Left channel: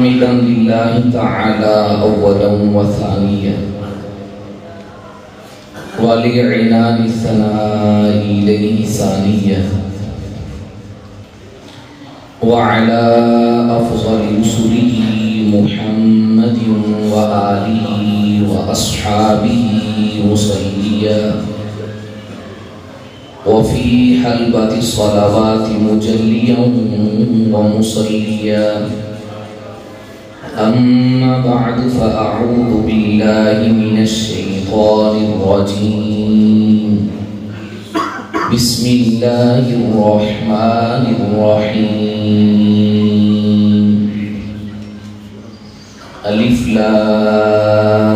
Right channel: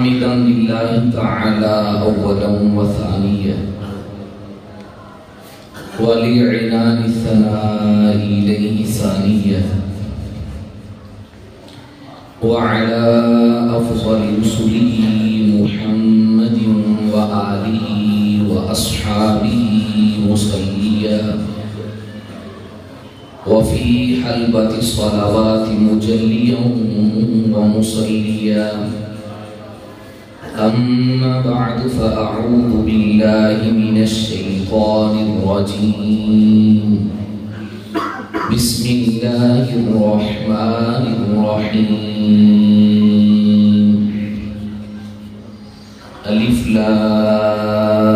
حمدا لله تعالى أولا وثانيا ولعنان الثناء إليه ثانيا وعلى أفضل رسله محمد وآله وأصحابه مصليا وفي حلبة الصلوات مجليا ومصليا أما بعد فأعوذ بالله من الشيطان الرجيم بسم الله الرحمن الرحيم ألف لام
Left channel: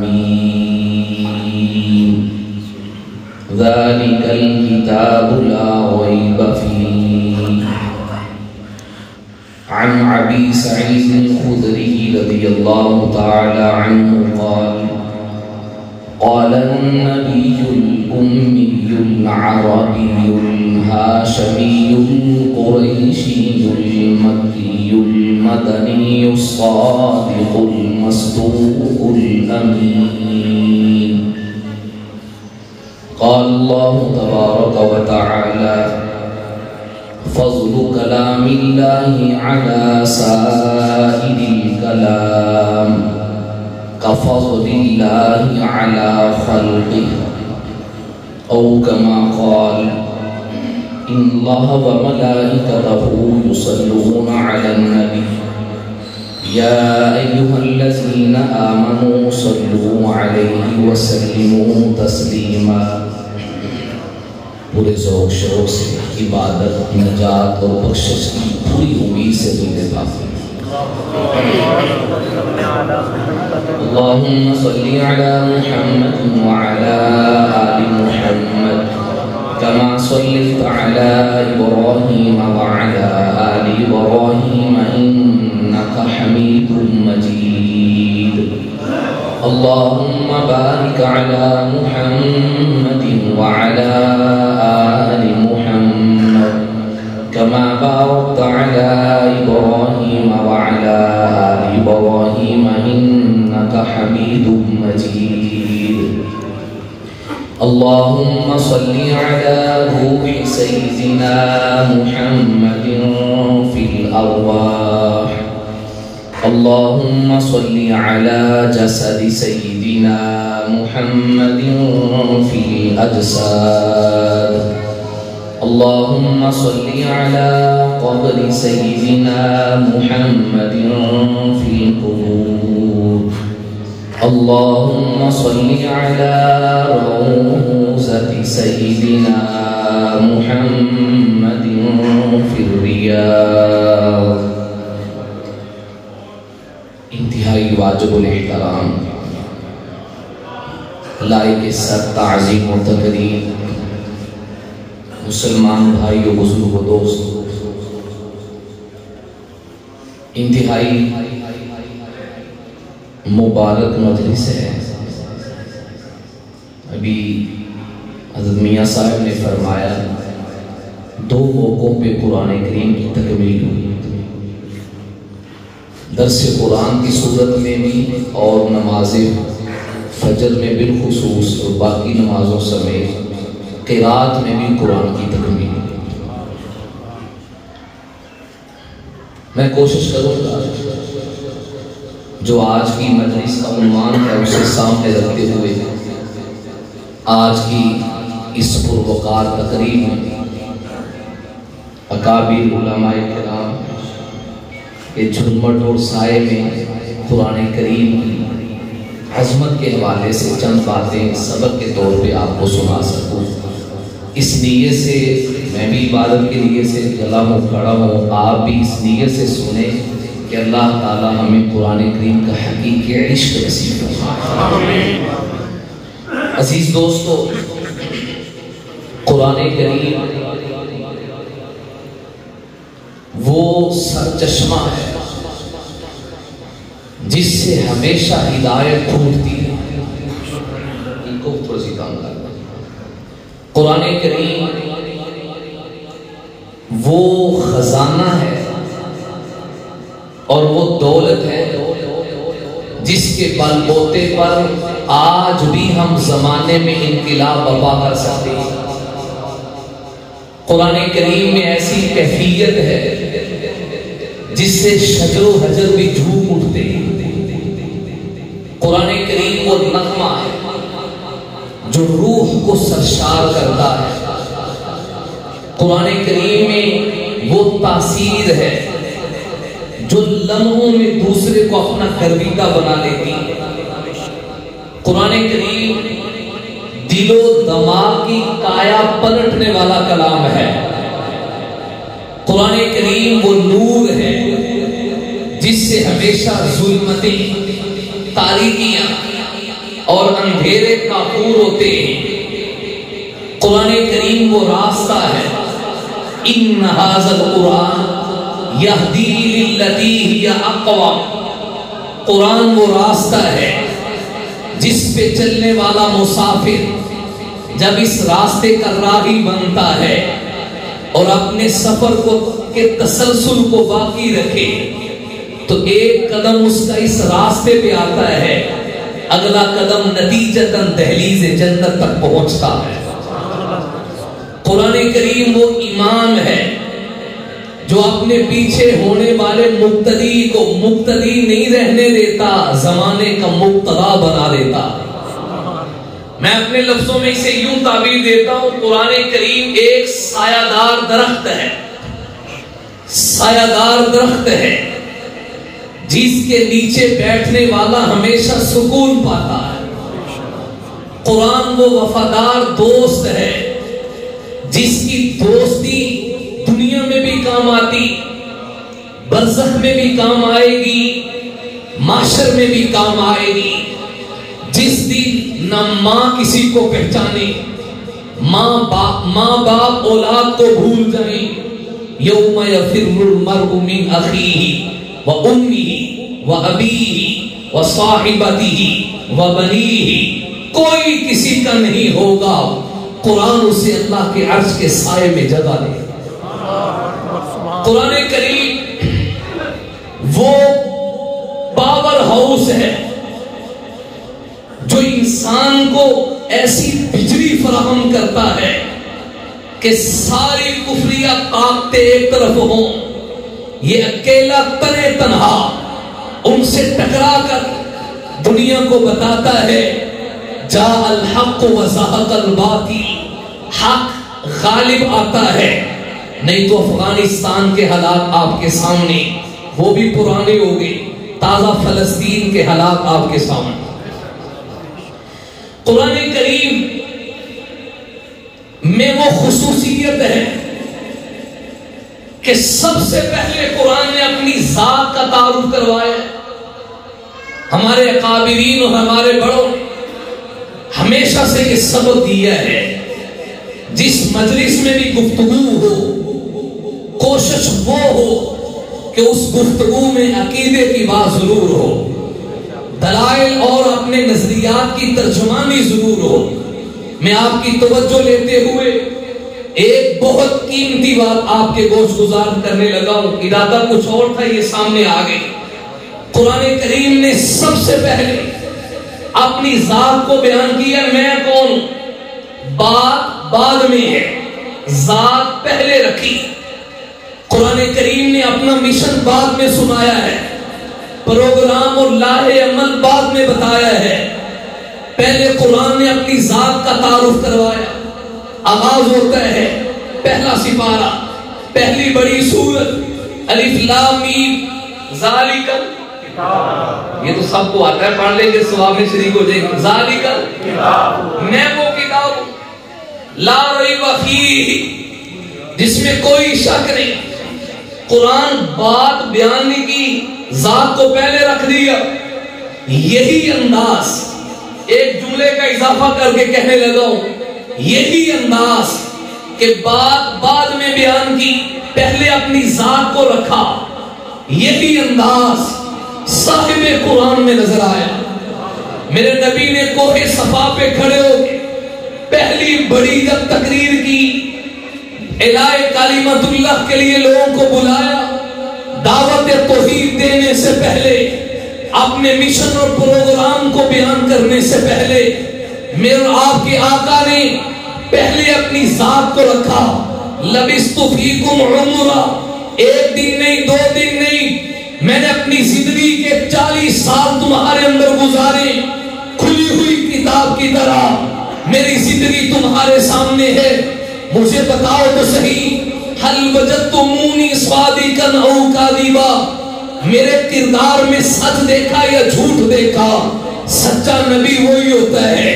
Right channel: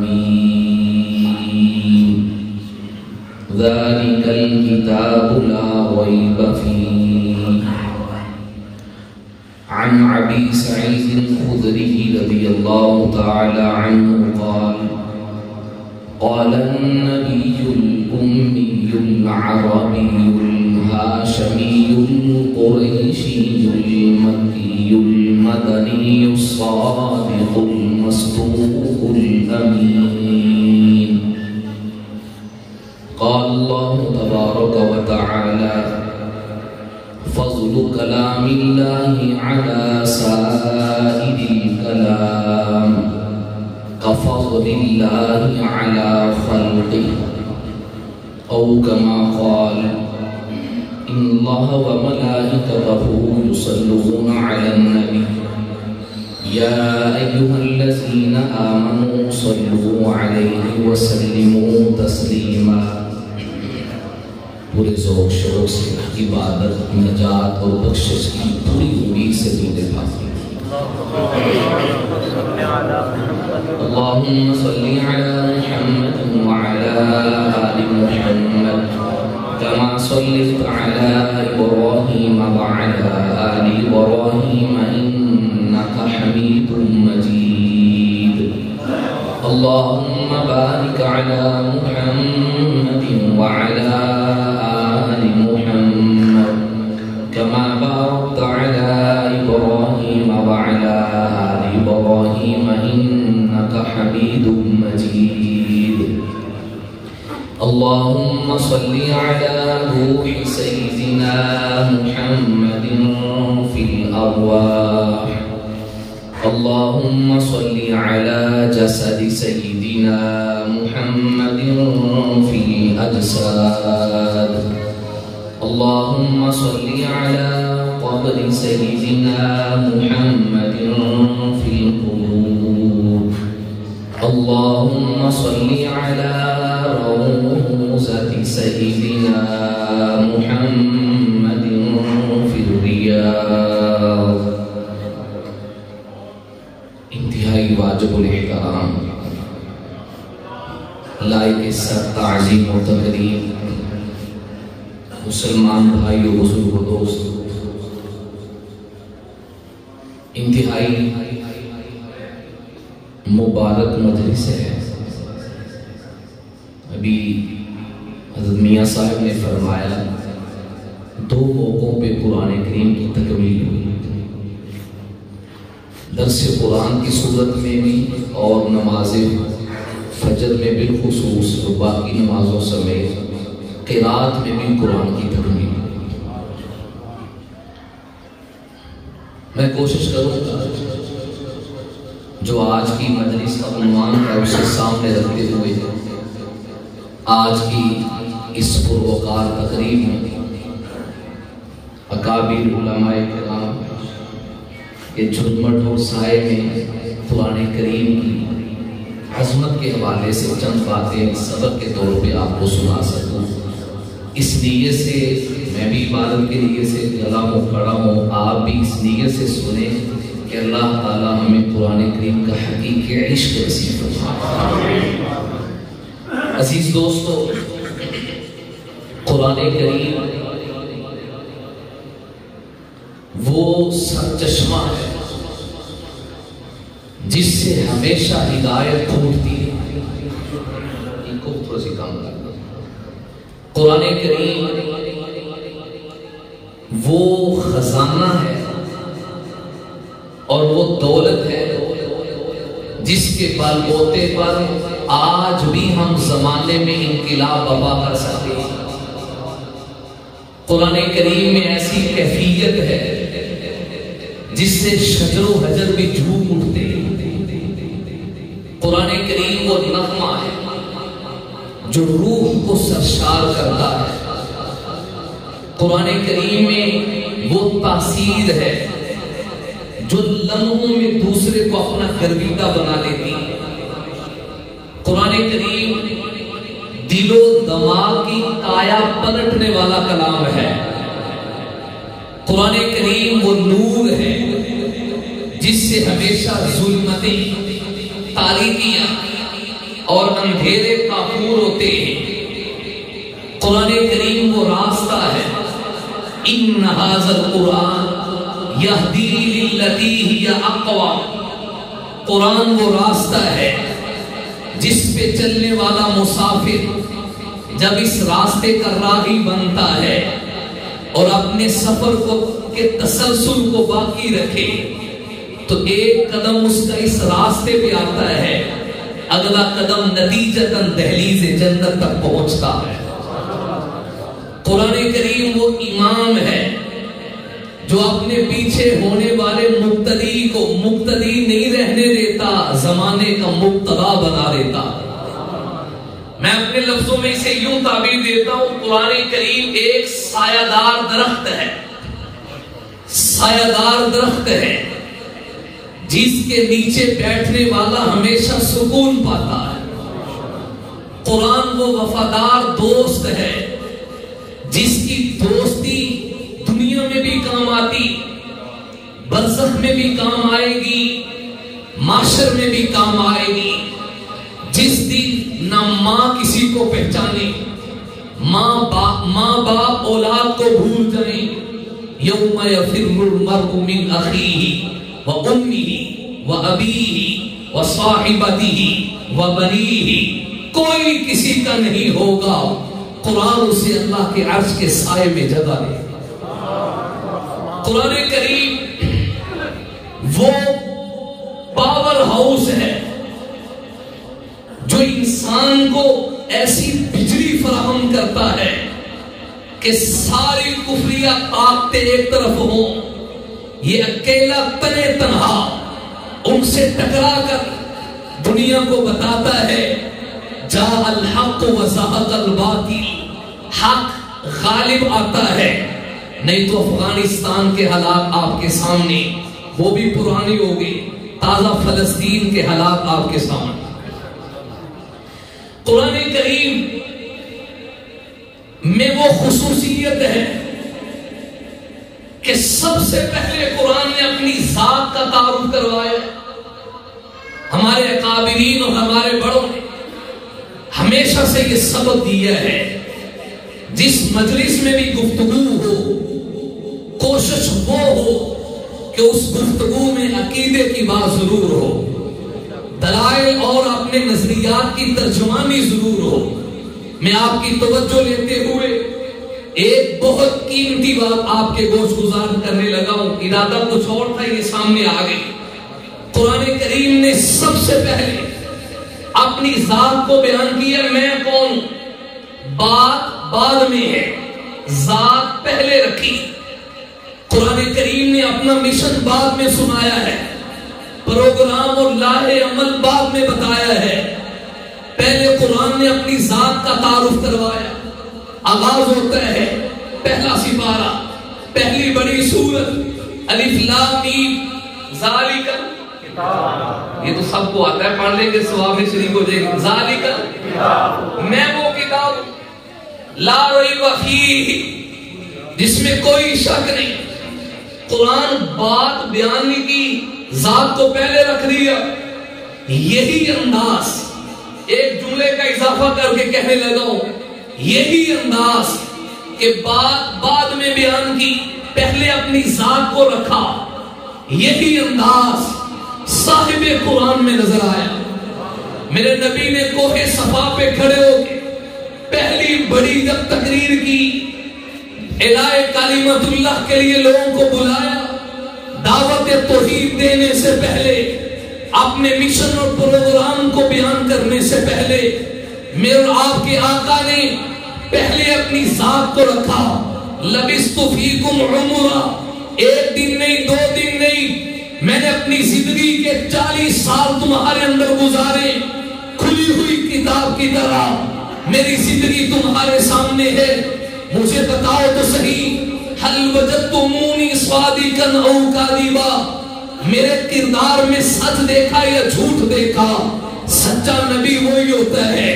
ميم ذلك الكتاب لا ريب فيه عن أبي سعيد الخدري رضي الله تعالى عنه قال قال النبي الأمي العربي الهاشمي القريشي المكي المدني الصادق المصدوق الأمين قال الله تبارك وتعالى فضل كلام الله على سائر الكلام كفضل الله على خلقه أو كما قال إن الله وملائكته يصلون على النبي يا أيها الذين آمنوا صلوا عليه وسلموا تسليما پورے ذوق شوق سے عبادت نجات اور بخشش کی پوری امید سے دل پاک اللهم صل على محمد وعلى آل محمد كما صليت على إبراهيم وعلى آل إبراهيم إنك حميد مجيد اللهم بارك على محمد وعلى آل محمد كما باركت على إبراهيم وعلى آل إبراهيم إنك حميد مجيد اللهم صل على روح سيدنا محمد في الأرواح اللهم صل على جسد سيدنا محمد في الأجساد اللهم صل على قبر سيدنا محمد في القبور اللهم صل على روضة سيدنا محمد في الرياض انتہائی واجب الاحترام لائق سر تعظیم و تقریب مسلمان بھائیو بزرگ و دوست انتہائی مبارک مجلس ہے ابھی حضرت میاں صاحب نے فرمایا 2 موقعوں پہ قرآن کریم کی تکمیل ہوئی درس قرآن کی صورت میں بھی اور نماز فجر میں بالخصوص اور باقی نمازوں سمیت قرات میں بھی قرآن کی تکمیل ہوئی میں کوشش کروں گا جو آج کی مجلس کا عنوان ہے اسے سامنے رکھتے ہوئے آج کی اس پروقار تقریب میں اکابر علماء کرام کے جھلمٹ اور سائے میں قرآن کریم کی عظمت کے حوالے سے چند باتیں سبق کے طور پہ آپ کو سنا سکوں اس نیت سے میں بھی عبادت کے لیے سے گلا ہوں کھڑا ہوں آپ بھی اس نیت سے سنیں کہ اللہ تعالیٰ ہمیں قرآن کریم کا حقیقی عشق نصیب فرمائے عزیز دوستو قرآن کریم وہ سرچشمہ ہے جس سے ہمیشہ ہدایت پھوٹتی ہے ان کو تھوڑا سی کام کرنا قرآن کریم وہ خزانہ ہے اور وہ دولت ہے جس کے بل بوتے پر آج بھی ہم زمانے میں انقلاب برپا کر سکتے ہیں۔ قرآن کریم میں ایسی کیفیت ہے جس سے شجر و حجر بھی جھوم اٹھتے ہیں۔ قرآن کریم وہ نغمہ ہے جو روح کو سرشار کرتا ہے۔ قرآن کریم میں وہ تاثیر ہے جو لمحوں میں دوسرے کو اپنا گرویدہ بنا لیتی ہے۔ قرآن کریم دل و دماغ کی کایا پلٹنے والا کلام ہے۔ قرآن کریم وہ نور ہے جس سے ہمیشہ ظلمتیں، تاریکیاں اور اندھیرے کافور ہوتے ہیں۔ قرآن کریم وہ راستہ ہے، ان ھذا القرآن یہدی للتی ہی اقوم۔ قرآن وہ راستہ ہے جس پہ چلنے والا مسافر جب اس راستے کا راہی بنتا ہے اور اپنے سفر کو کے تسلسل کو باقی رکھے تو ایک قدم اس کا اس راستے پہ آتا ہے، اگلا قدم نتیجتاً دہلیز جنت تک پہنچتا ہے۔ قرآن کریم وہ امام ہے جو اپنے پیچھے ہونے والے مقتدی کو مقتدی نہیں رہنے دیتا، زمانے کا مقتدا بنا دیتا۔ میں اپنے لفظوں میں اسے یوں تعبیر دیتا ہوں، قرآن کریم ایک سایہ دار درخت ہے، سایہ دار درخت ہے جس کے نیچے بیٹھنے والا ہمیشہ سکون پاتا ہے۔ قرآن وہ وفادار دوست ہے جس کی دوستی دنیا میں بھی کام آتی، برزخ میں بھی کام آئے گی، معاشر میں بھی کام آئے گی۔ جس دن نہ ماں کسی کو پہچانے، ماں باپ اولاد کو بھول جائیں، یوم یفر المرء من اخیہ و امہ و ابیہ و صاحبتہ و بنیہ، کوئی کسی کا نہیں ہوگا، قرآن اسے اللہ کے عرش کے سائے میں جگہ دے۔ قرآن کریم وہ پاور ہاؤس ہے جو انسان کو ایسی بجلی فراہم کرتا ہے کہ ساری کفریہ طاقتیں ایک طرف ہوں، یہ اکیلا تنے تنہا ان سے ٹکرا کر دنیا کو بتاتا ہے جاء الحق وزهق الباطل، حق غالب آتا ہے۔ نہیں تو افغانستان کے حالات آپ کے سامنے، وہ بھی پرانے ہو گئے، تازہ فلسطین کے حالات آپ کے سامنے۔ قرآن کریم میں وہ خصوصیت ہے کہ سب سے پہلے قرآن نے اپنی ذات کا تعارف کروایا۔ ہمارے اکابرین اور ہمارے بڑوں نے ہمیشہ سے یہ سبق دیا ہے، جس مجلس میں بھی گفتگو ہو کوشش وہ ہو کہ اس گفتگو میں عقیدے کی بات ضرور ہو، دلائل اور اپنے نظریات کی ترجمانی ضرور ہو۔ میں آپ کی توجہ لیتے ہوئے ایک بہت قیمتی بات آپ کے گوش گزار کرنے لگا ہوں، ارادہ کچھ اور تھا، یہ سامنے آ گئی۔ قرآن کریم نے سب سے پہلے اپنی ذات کو بیان کیا، میں کون، بات بعد میں ہے، ذات پہلے رکھی۔ قرآن کریم نے اپنا مشن بعد میں سنایا ہے، پروگرام اور لاہ عمل بعد میں بتایا ہے۔ پہلے قرآن نے اپنی ذات کا تعارف کروایا۔ آغاز ہوتا ہے پہلا سپارہ، پہلی بڑی سورت الف لام میم ذالک، یہ تو سب کو آتا ہے، پڑھ لیں گے ثواب میں شریک ہو جائے گا۔ ذالک میں وہ کتاب لا ریب فیہ جس میں کوئی شک نہیں۔ قرآن بات بیان کی، ذات کو پہلے رکھ دیا۔ یہی انداز، ایک جملے کا اضافہ کر کے کہنے لگا ہوں، یہی انداز کہ بات بعد میں بیان کی، پہلے اپنی ذات کو رکھا، یہی انداز صاحب قرآن میں نظر آیا۔ میرے نبی نے کوہ صفا پہ کھڑے ہو کے پہلی بڑی جب تقریر کی، الہ کلمت اللہ کے لیے لوگوں کو بلایا، دعوت توحید دینے اپنے مشن اور پروگرام کو بیان کرنے سے پہلے میرے آپ کے آقا نے پہلے اپنی ذات کو رکھا. لبثت فیکم عمرا، ایک دن نہیں، 2 دن نہیں، میں نے اپنی زندگی کے 40 سال تمہارے اندر گزارے. کھلی ہوئی کتاب کی طرح میری زندگی تمہارے سامنے ہے. مجھے بتاؤ تو صحیح، هل وجدتمونی صادقا او کاذبا، میرے کردار میں سچ دیکھا یا جھوٹ دیکھا؟ سچا نبی وہی ہوتا ہے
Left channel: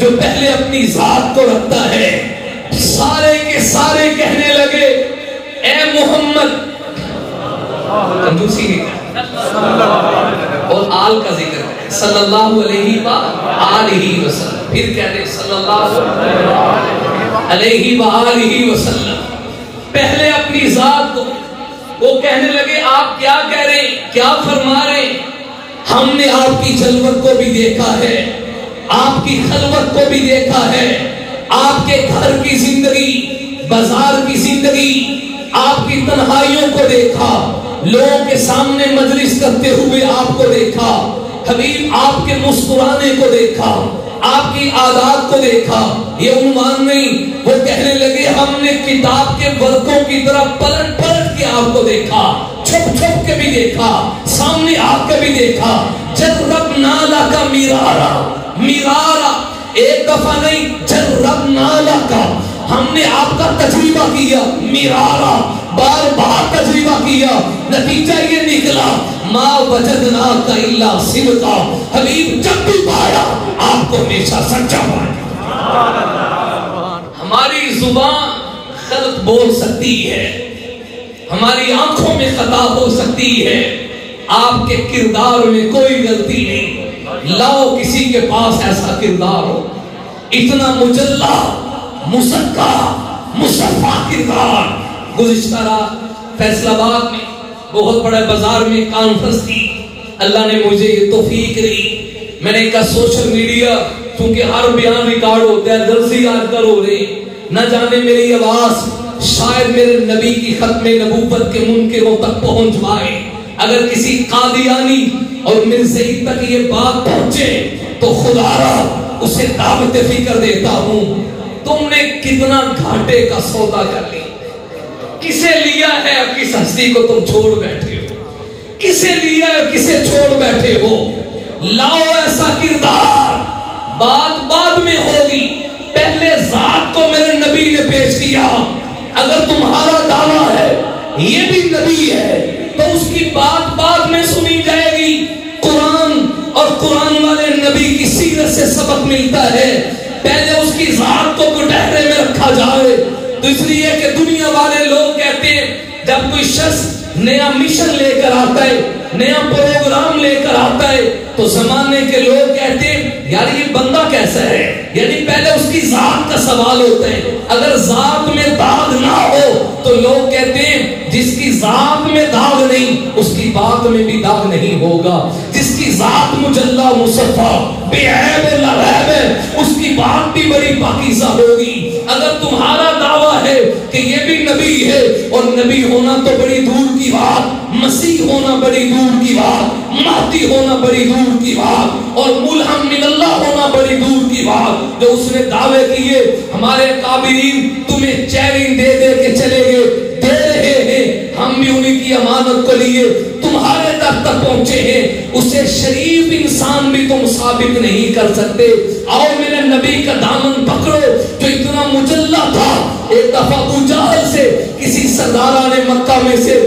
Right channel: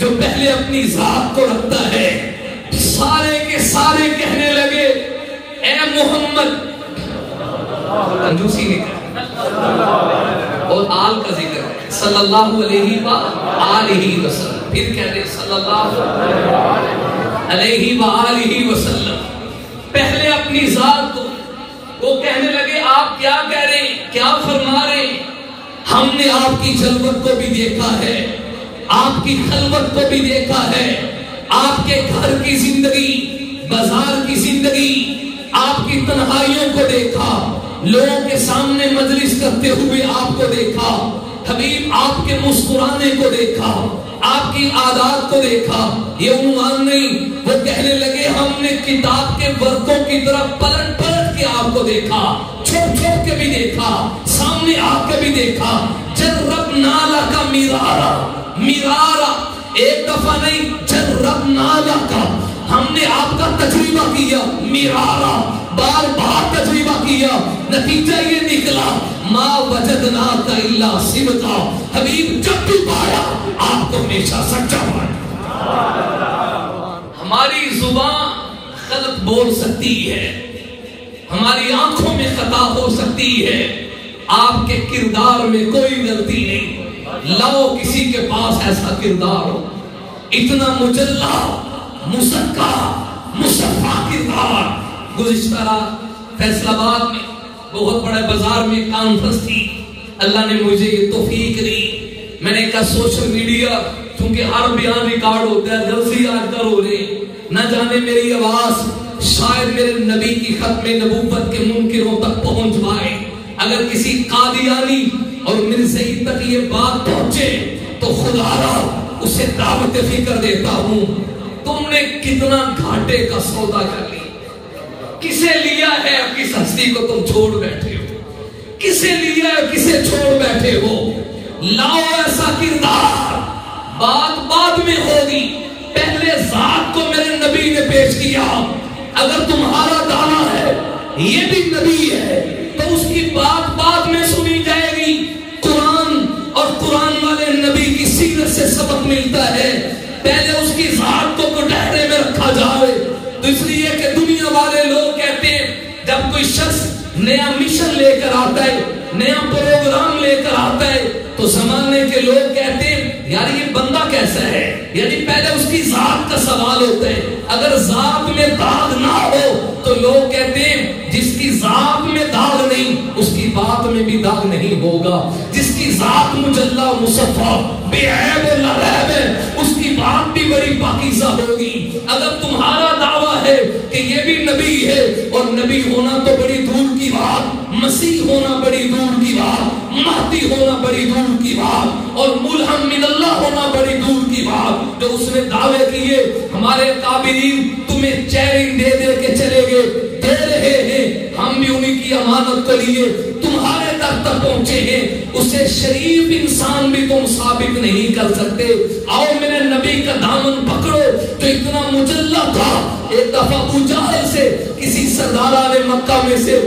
جو پہلے اپنی ذات کو رکھتا ہے. سارے کے سارے کہنے لگے اے محمد، کنجوسی اور آل کا ذکر ہے، صلی اللہ علیہ وآلہ وسلم، پھر کہہ رہے صلی اللہ علیہ وآلہ وسلم. پہلے اپنی ذات کو، وہ کہنے لگے آپ کیا کہہ رہے ہیں، کیا فرما رہے ہیں؟ ہم نے آپ کی جلوت کو بھی دیکھا ہے، آپ کی خلوت کو بھی دیکھا ہے، آپ کے گھر کی زندگی، بازار کی زندگی، آپ کی تنہائیوں کو دیکھا، لوگوں کے سامنے مجلس کرتے ہوئے آپ کو دیکھا، حبیب آپ کے مسکرانے کو دیکھا، آپ کی عادات کو دیکھا. یہ عنوان نہیں، وہ کہنے لگے ہم نے کتاب کے ورقوں کی طرح پلٹ پلٹ کے آپ کو دیکھا، چھپ چھپ کے بھی دیکھا، سامنے آ کے بھی دیکھا. جربنا لک مرارا، مرارا ایک دفعہ نہیں، جربنا لک، ہم نے آپ کا تجربہ کیا، مرارا بار بار تجربہ کیا. نتیجہ یہ نکلا ما وجدناک الا صدقا، حبیب جب بھی پایا آپ کو ہمیشہ سچا پایا. ہماری زبان غلط بول سکتی ہے، ہماری آنکھوں میں خطا ہو سکتی ہے، آپ کے کردار میں کوئی غلطی نہیں. لاؤ کسی کے پاس ایسا کردار ہو، اتنا مجلہ مسکہ مصفہ کردار. گزشتہ رات فیصل آباد میں بہت بڑے بازار میں کانفرنس تھی، اللہ نے مجھے یہ توفیق دی. میں نے کہا سوشل میڈیا چونکہ ہر بیان ریکارڈ ہوتا ہے، درزی آج کل ہو رہے، نہ جانے میری آواز شاید میرے نبی کی ختم نبوت کے منکروں تک پہنچ پائے. اگر کسی قادیانی اور مرزائی تک یہ بات پہنچے تو خدا را اسے دعوت فکر دیتا ہوں. تم نے کتنا گھاٹے کا سودا کر لیا، کسے لیا ہے اب کس ہستی کو تم چھوڑ بیٹھے ہو، کسے لیا ہے کسے چھوڑ بیٹھے ہو. لاؤ ایسا کردار، بات بعد میں ہوگی، پہلے ذات کو میرے نبی نے پیش کیا. اگر تمہارا دعویٰ ہے یہ بھی نبی ہے تو اس کی بات بعد میں سنی جائے گی. قرآن اور قرآن والے نبی کی سیرت سے سبق ملتا ہے، پہلے اس کی ذات کو کٹہرے میں رکھا جائے. دوسری یہ کہ دنیا والے لوگ کہتے ہیں جب کوئی شخص نیا مشن لے کر آتا ہے، نیا پروگرام لے کر آتا ہے تو زمانے کے لوگ کہتے ہیں یار یہ بندہ کیسا ہے، یعنی پہلے اس کی ذات کا سوال ہوتا ہے. اگر ذات میں داغ نہ ہو تو لوگ کہتے ہیں جس کی ذات میں داغ نہیں اس کی بات میں بھی داغ نہیں ہوگا. جس کی ذات مجلہ مصفہ بے عیب لا عیب ہے اس کی بات بھی بڑی پاکیزہ ہوگی. اگر تمہارا دعویٰ ہے کہ یہ بھی نبی ہے، اور نبی ہونا تو بڑی دور کی بات، مسیح ہونا بڑی دور کی بات، مہدی ہونا بڑی دور کی بات، اور ملہم من اللہ ہونا بڑی دور کی بات، جو اس نے دعوے کیے ہمارے کابرین تمہیں چیلنج دے دے کے چلے گئے، دے رہے ہیں، ہم بھی انہی کی امانت کے لیے تمہارے تک پہنچے ہیں. اسے شریف انسان بھی تم ثابت نہیں کر سکتے. آؤ میرے نبی کا دامن پکڑو جو اتنا مجلہ تھا. ایک دفعہ ابو جہل سے کسی سرداران مکہ میں سے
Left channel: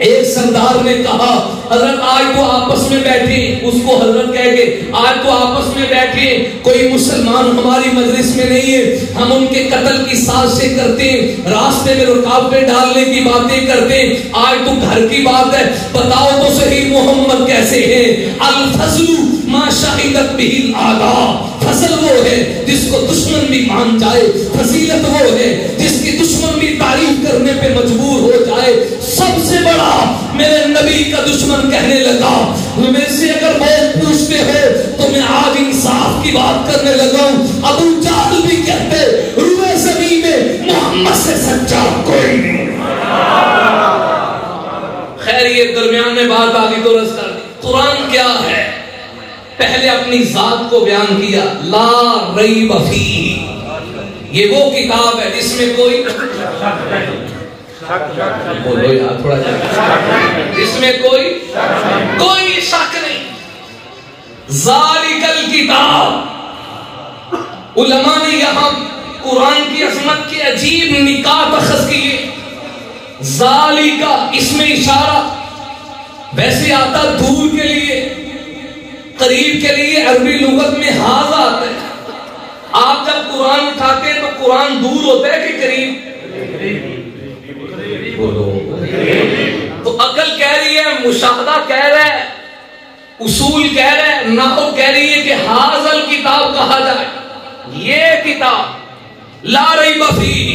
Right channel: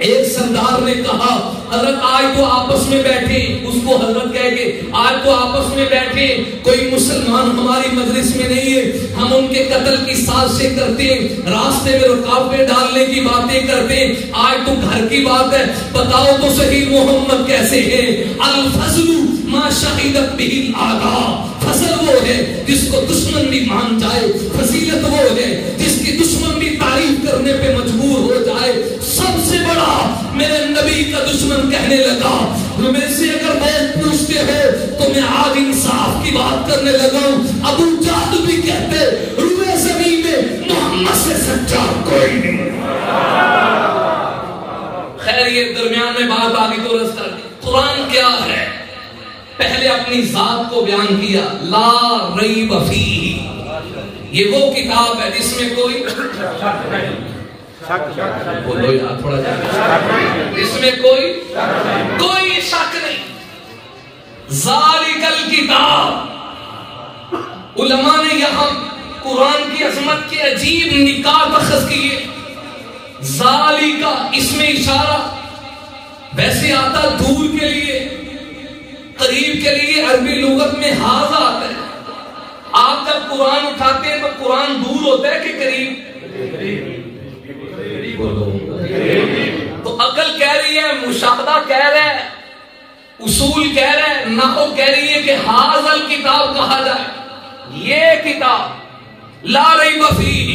ایک سردار نے کہا حضرت آج تو آپس میں بیٹھے، اس کو حضرت کہہ کے آج تو آپس میں بیٹھے، کوئی مسلمان ہماری مجلس میں نہیں ہے، ہم ان کے قتل کی سازشیں کرتے ہیں، راستے میں رکاوٹیں ڈالنے کی باتیں کرتے ہیں. آج تو گھر کی بات ہے، بتاؤ تو صحیح محمد کیسے ہیں؟ الفضل ما شہدت به الاعداء، فضل وہ ہے جس کو دشمن بھی مان جائے، فضیلت وہ ہے جس کی دشمن بھی تعریف کرنے پہ مجبور ہو جائے. سب سے بڑا میرے نبی کا دشمن کہنے لگا، میرے سے اگر بہت پوچھتے ہو تو میں آج انصاف کی بات کرنے لگا ہوں. ابو جہل بھی کہتے روئے زمین میں محمد سے سچا کوئی نہیں. خیر یہ درمیان میں بات آگے درست کر دی. قرآن کیا ہے؟ پہلے اپنی ذات کو بیان کیا، لا ریب فیہ، یہ وہ کتاب ہے جس میں کوئی بولو یار تھوڑا جس میں کوئی شک نہیں. ذالک الکتاب. علماء نے یہاں قرآن کی عظمت کے عجیب نکات اخذ کیے. ذالک اس میں اشارہ ویسے آتا دور کے لیے، قریب کے لیے. عربی لغت میں ہاذا آتا ہے. آپ جب قرآن اٹھاتے ہیں تو قرآن دور ہوتا ہے کہ قریب؟ تو عقل کہہ رہی ہے، مشاہدہ کہہ رہا ہے، اصول کہہ رہا ہے، نحو کہہ رہی ہے کہ ہاذا الکتاب کہا جائے. یہ کتاب لا ریب فیہ،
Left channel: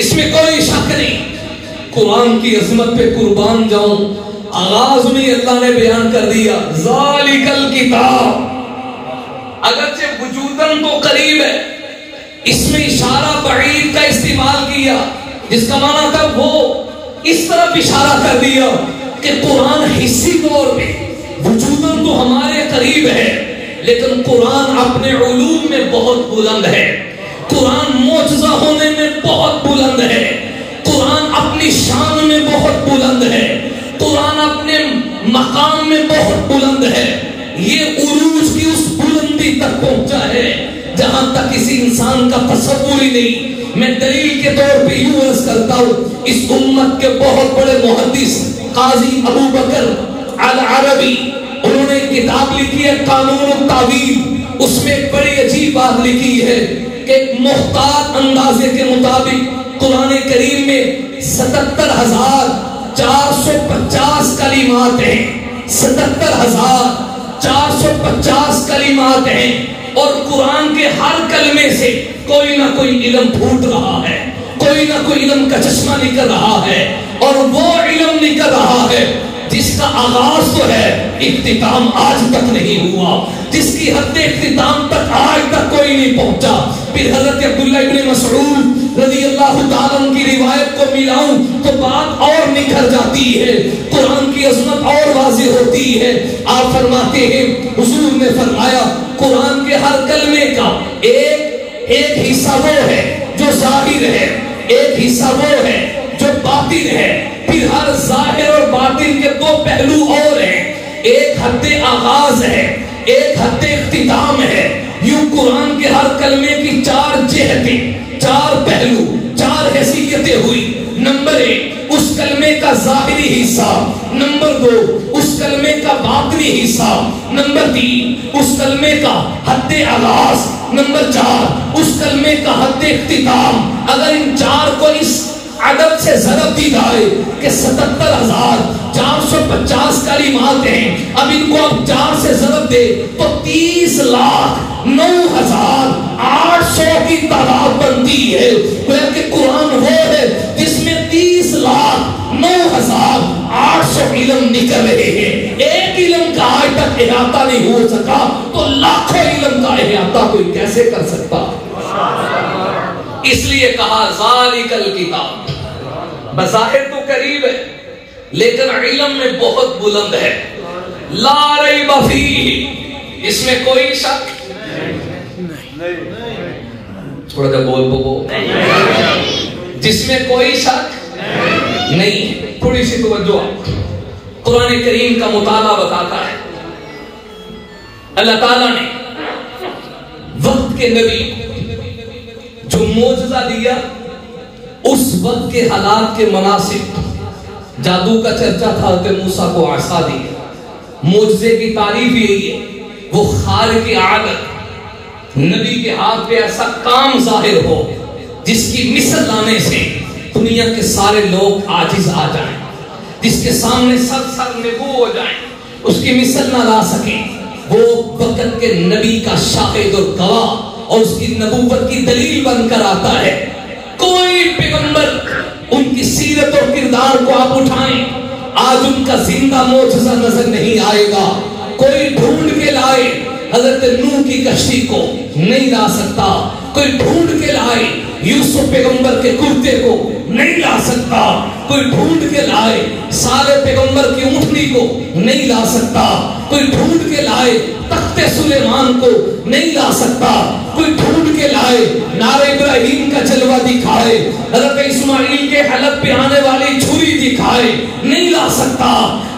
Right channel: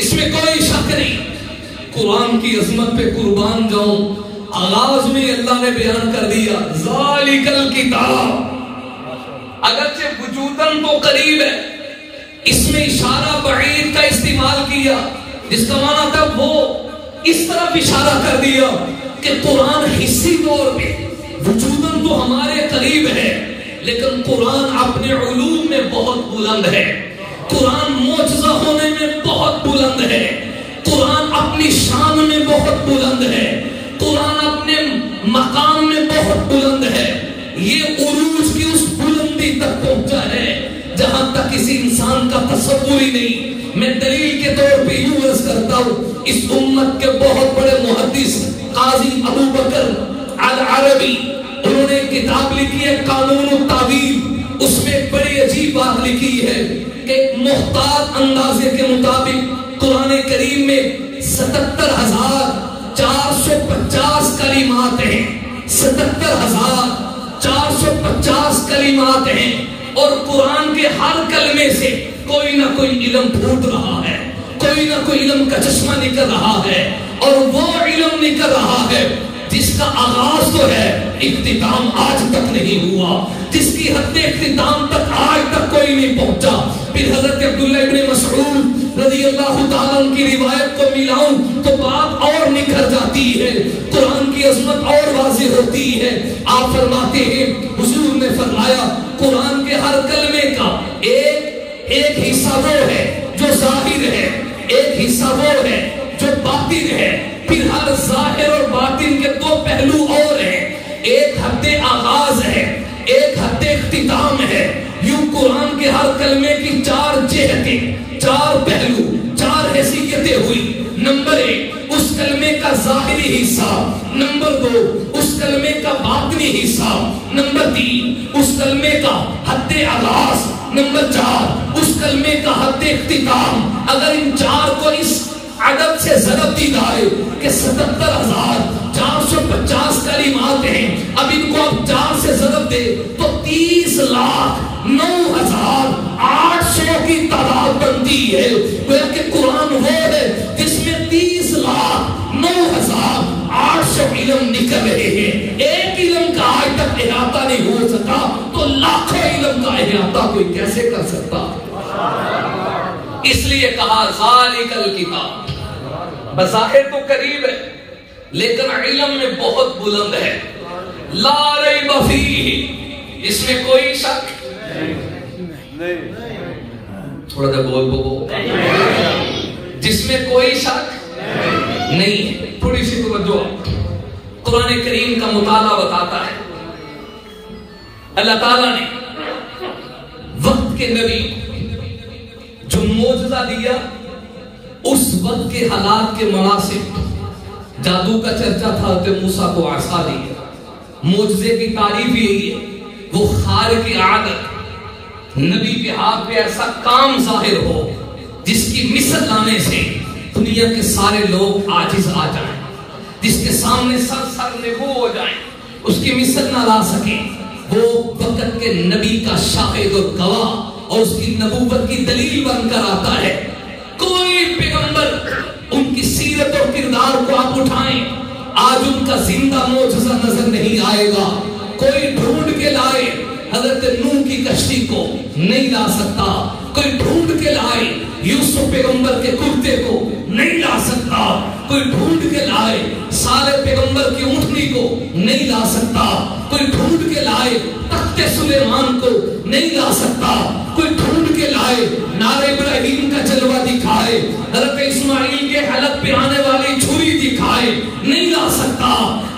اس میں کوئی شک نہیں. قرآن کی عظمت پہ قربان جاؤں. آغاز میں اللہ نے بیان کر دیا ذالک الکتاب. اگرچہ وجوداً تو قریب ہے، اس میں اشارہ بعید کا استعمال کیا، جس کا معنی تھا وہ اس طرف اشارہ کر دیا کہ قرآن حصی طور پہ وجوداً تو ہمارے قریب ہے، لیکن قرآن اپنے علوم میں بہت بلند ہے. قرآن معجزہ ہونے میں بہت بلند ہے. قرآن اپنی شان میں بہت بلند ہے. قرآن اپنے مقام میں بہت بلند ہے. یہ عروج کی اس بلندی تک پہنچا ہے جہاں تک کسی انسان کا تصور ہی نہیں. میں دلیل کے طور پہ یوں عرض کرتا ہوں، اس امت کے بہت بڑے محدث قاضی ابو بکر العربی، انہوں نے کتاب لکھی ہے قانون التعویل. اس میں ایک بڑی عجیب بات لکھی ہے کہ محتاط اندازے کے مطابق قرآن کریم میں 77,450 کلمات ہیں. 77,450 کلمات ہیں، اور قرآن کے ہر کلمے سے کوئی نہ کوئی علم پھوٹ رہا ہے، کوئی نہ کوئی علم کا چشمہ نکل رہا ہے. اور وہ علم نکل رہا ہے جس کا آغاز تو ہے، اختتام آج تک نہیں ہوا، جس کی حد اختتام تک آج تک کوئی نہیں پہنچا. پھر حضرت عبداللہ ابن مسعود رضی اللہ تعالیٰ عنہ کی روایت کو ملاؤں تو بات اور نکھر جاتی ہے، قرآن کی عظمت اور واضح ہوتی ہے. آپ فرماتے ہیں، حضور نے فرمایا قرآن کے ہر کلمے کا ایک حصہ وہ ہے جو ظاہر ہے، ایک حصہ وہ ہے جو باطن ہے. پھر ہر ظاہر اور باطن کے دو پہلو اور ہیں، ایک حد آغاز ہے، ایک حد اختتام ہے. یوں قرآن کے ہر کلمے کی 4 جہتیں، 4 پہلو، 4 حیثیتیں ہوئی. نمبر 1 اس کلمے کا ظاہری حصہ، نمبر 2 اس کلمے کا باطنی حصہ، نمبر 3 اس کلمے کا حد آغاز، نمبر 4 اس کلمے کا حد اختتام. اگر ان 4 کو اس عدد سے ضرب دی جائے کہ 77,450 کلمات ہیں، اب ان کو اب 4 سے ضرب دے تو 30,09,800 کی تعداد بنتی ہے. کہ قرآن وہ ہے جس میں 30,09,800 علم نکل رہے ہیں. ایک علم کا آج تک احاطہ نہیں ہو سکا تو لاکھوں علم کا احاطہ کوئی کیسے کر سکتا؟ اس لیے کہا ذالک الکتاب. بظاہر تو قریب ہے لیکن علم میں بہت بلند ہے. لا ریب فیہ، اس میں کوئی شک نہیں. تھوڑا جا بول بو، جس میں کوئی شک نہیں. تھوڑی سی توجہ. قرآن کریم کا مطالعہ بتاتا ہے اللہ تعالیٰ نے وقت کے نبی جو معجزہ دیا، اس وقت کے حالات کے مناسب. جادو کا چرچا تھا، حضرت موسیٰ کو عصا دی. معجزے کی تعریف یہی ہے، وہ خارق عادت نبی کے ہاتھ پہ ایسا کام ظاہر ہو جس کی مثل لانے سے دنیا کے سارے لوگ عاجز آ جائیں، جس کے سامنے سر نگو ہو جائیں، اس کی مثل نہ لا سکیں. وہ وقت کے نبی کا شاہد اور گواہ اور اس کی نبوت کی دلیل بن کر آتا ہے. کوئی پیغمبر ان کی سیرت اور کردار کو آپ اٹھائیں، آج ان کا زندہ معجزہ نظر نہیں آئے گا. کوئی ڈھونڈ کے لائے حضرت نوح کی کشتی کو نہیں لا سکتا. کوئی ڈھونڈ کے لائے یوسف پیغمبر کے کرتے کو نہیں لا سکتا. کوئی ڈھونڈ کے لائے سارے پیغمبر کی اونٹنی کو نہیں لا سکتا. کوئی ڈھونڈ کے لائے تخت تخت سلیمان کو نہیں لا سکتا، کوئی ڈھونڈ کے لائے نار ابراہیم کا جلوہ دکھائے، حضرت اسماعیل کے حلق پہ آنے والی چھری دکھائے، نہیں لا سکتا۔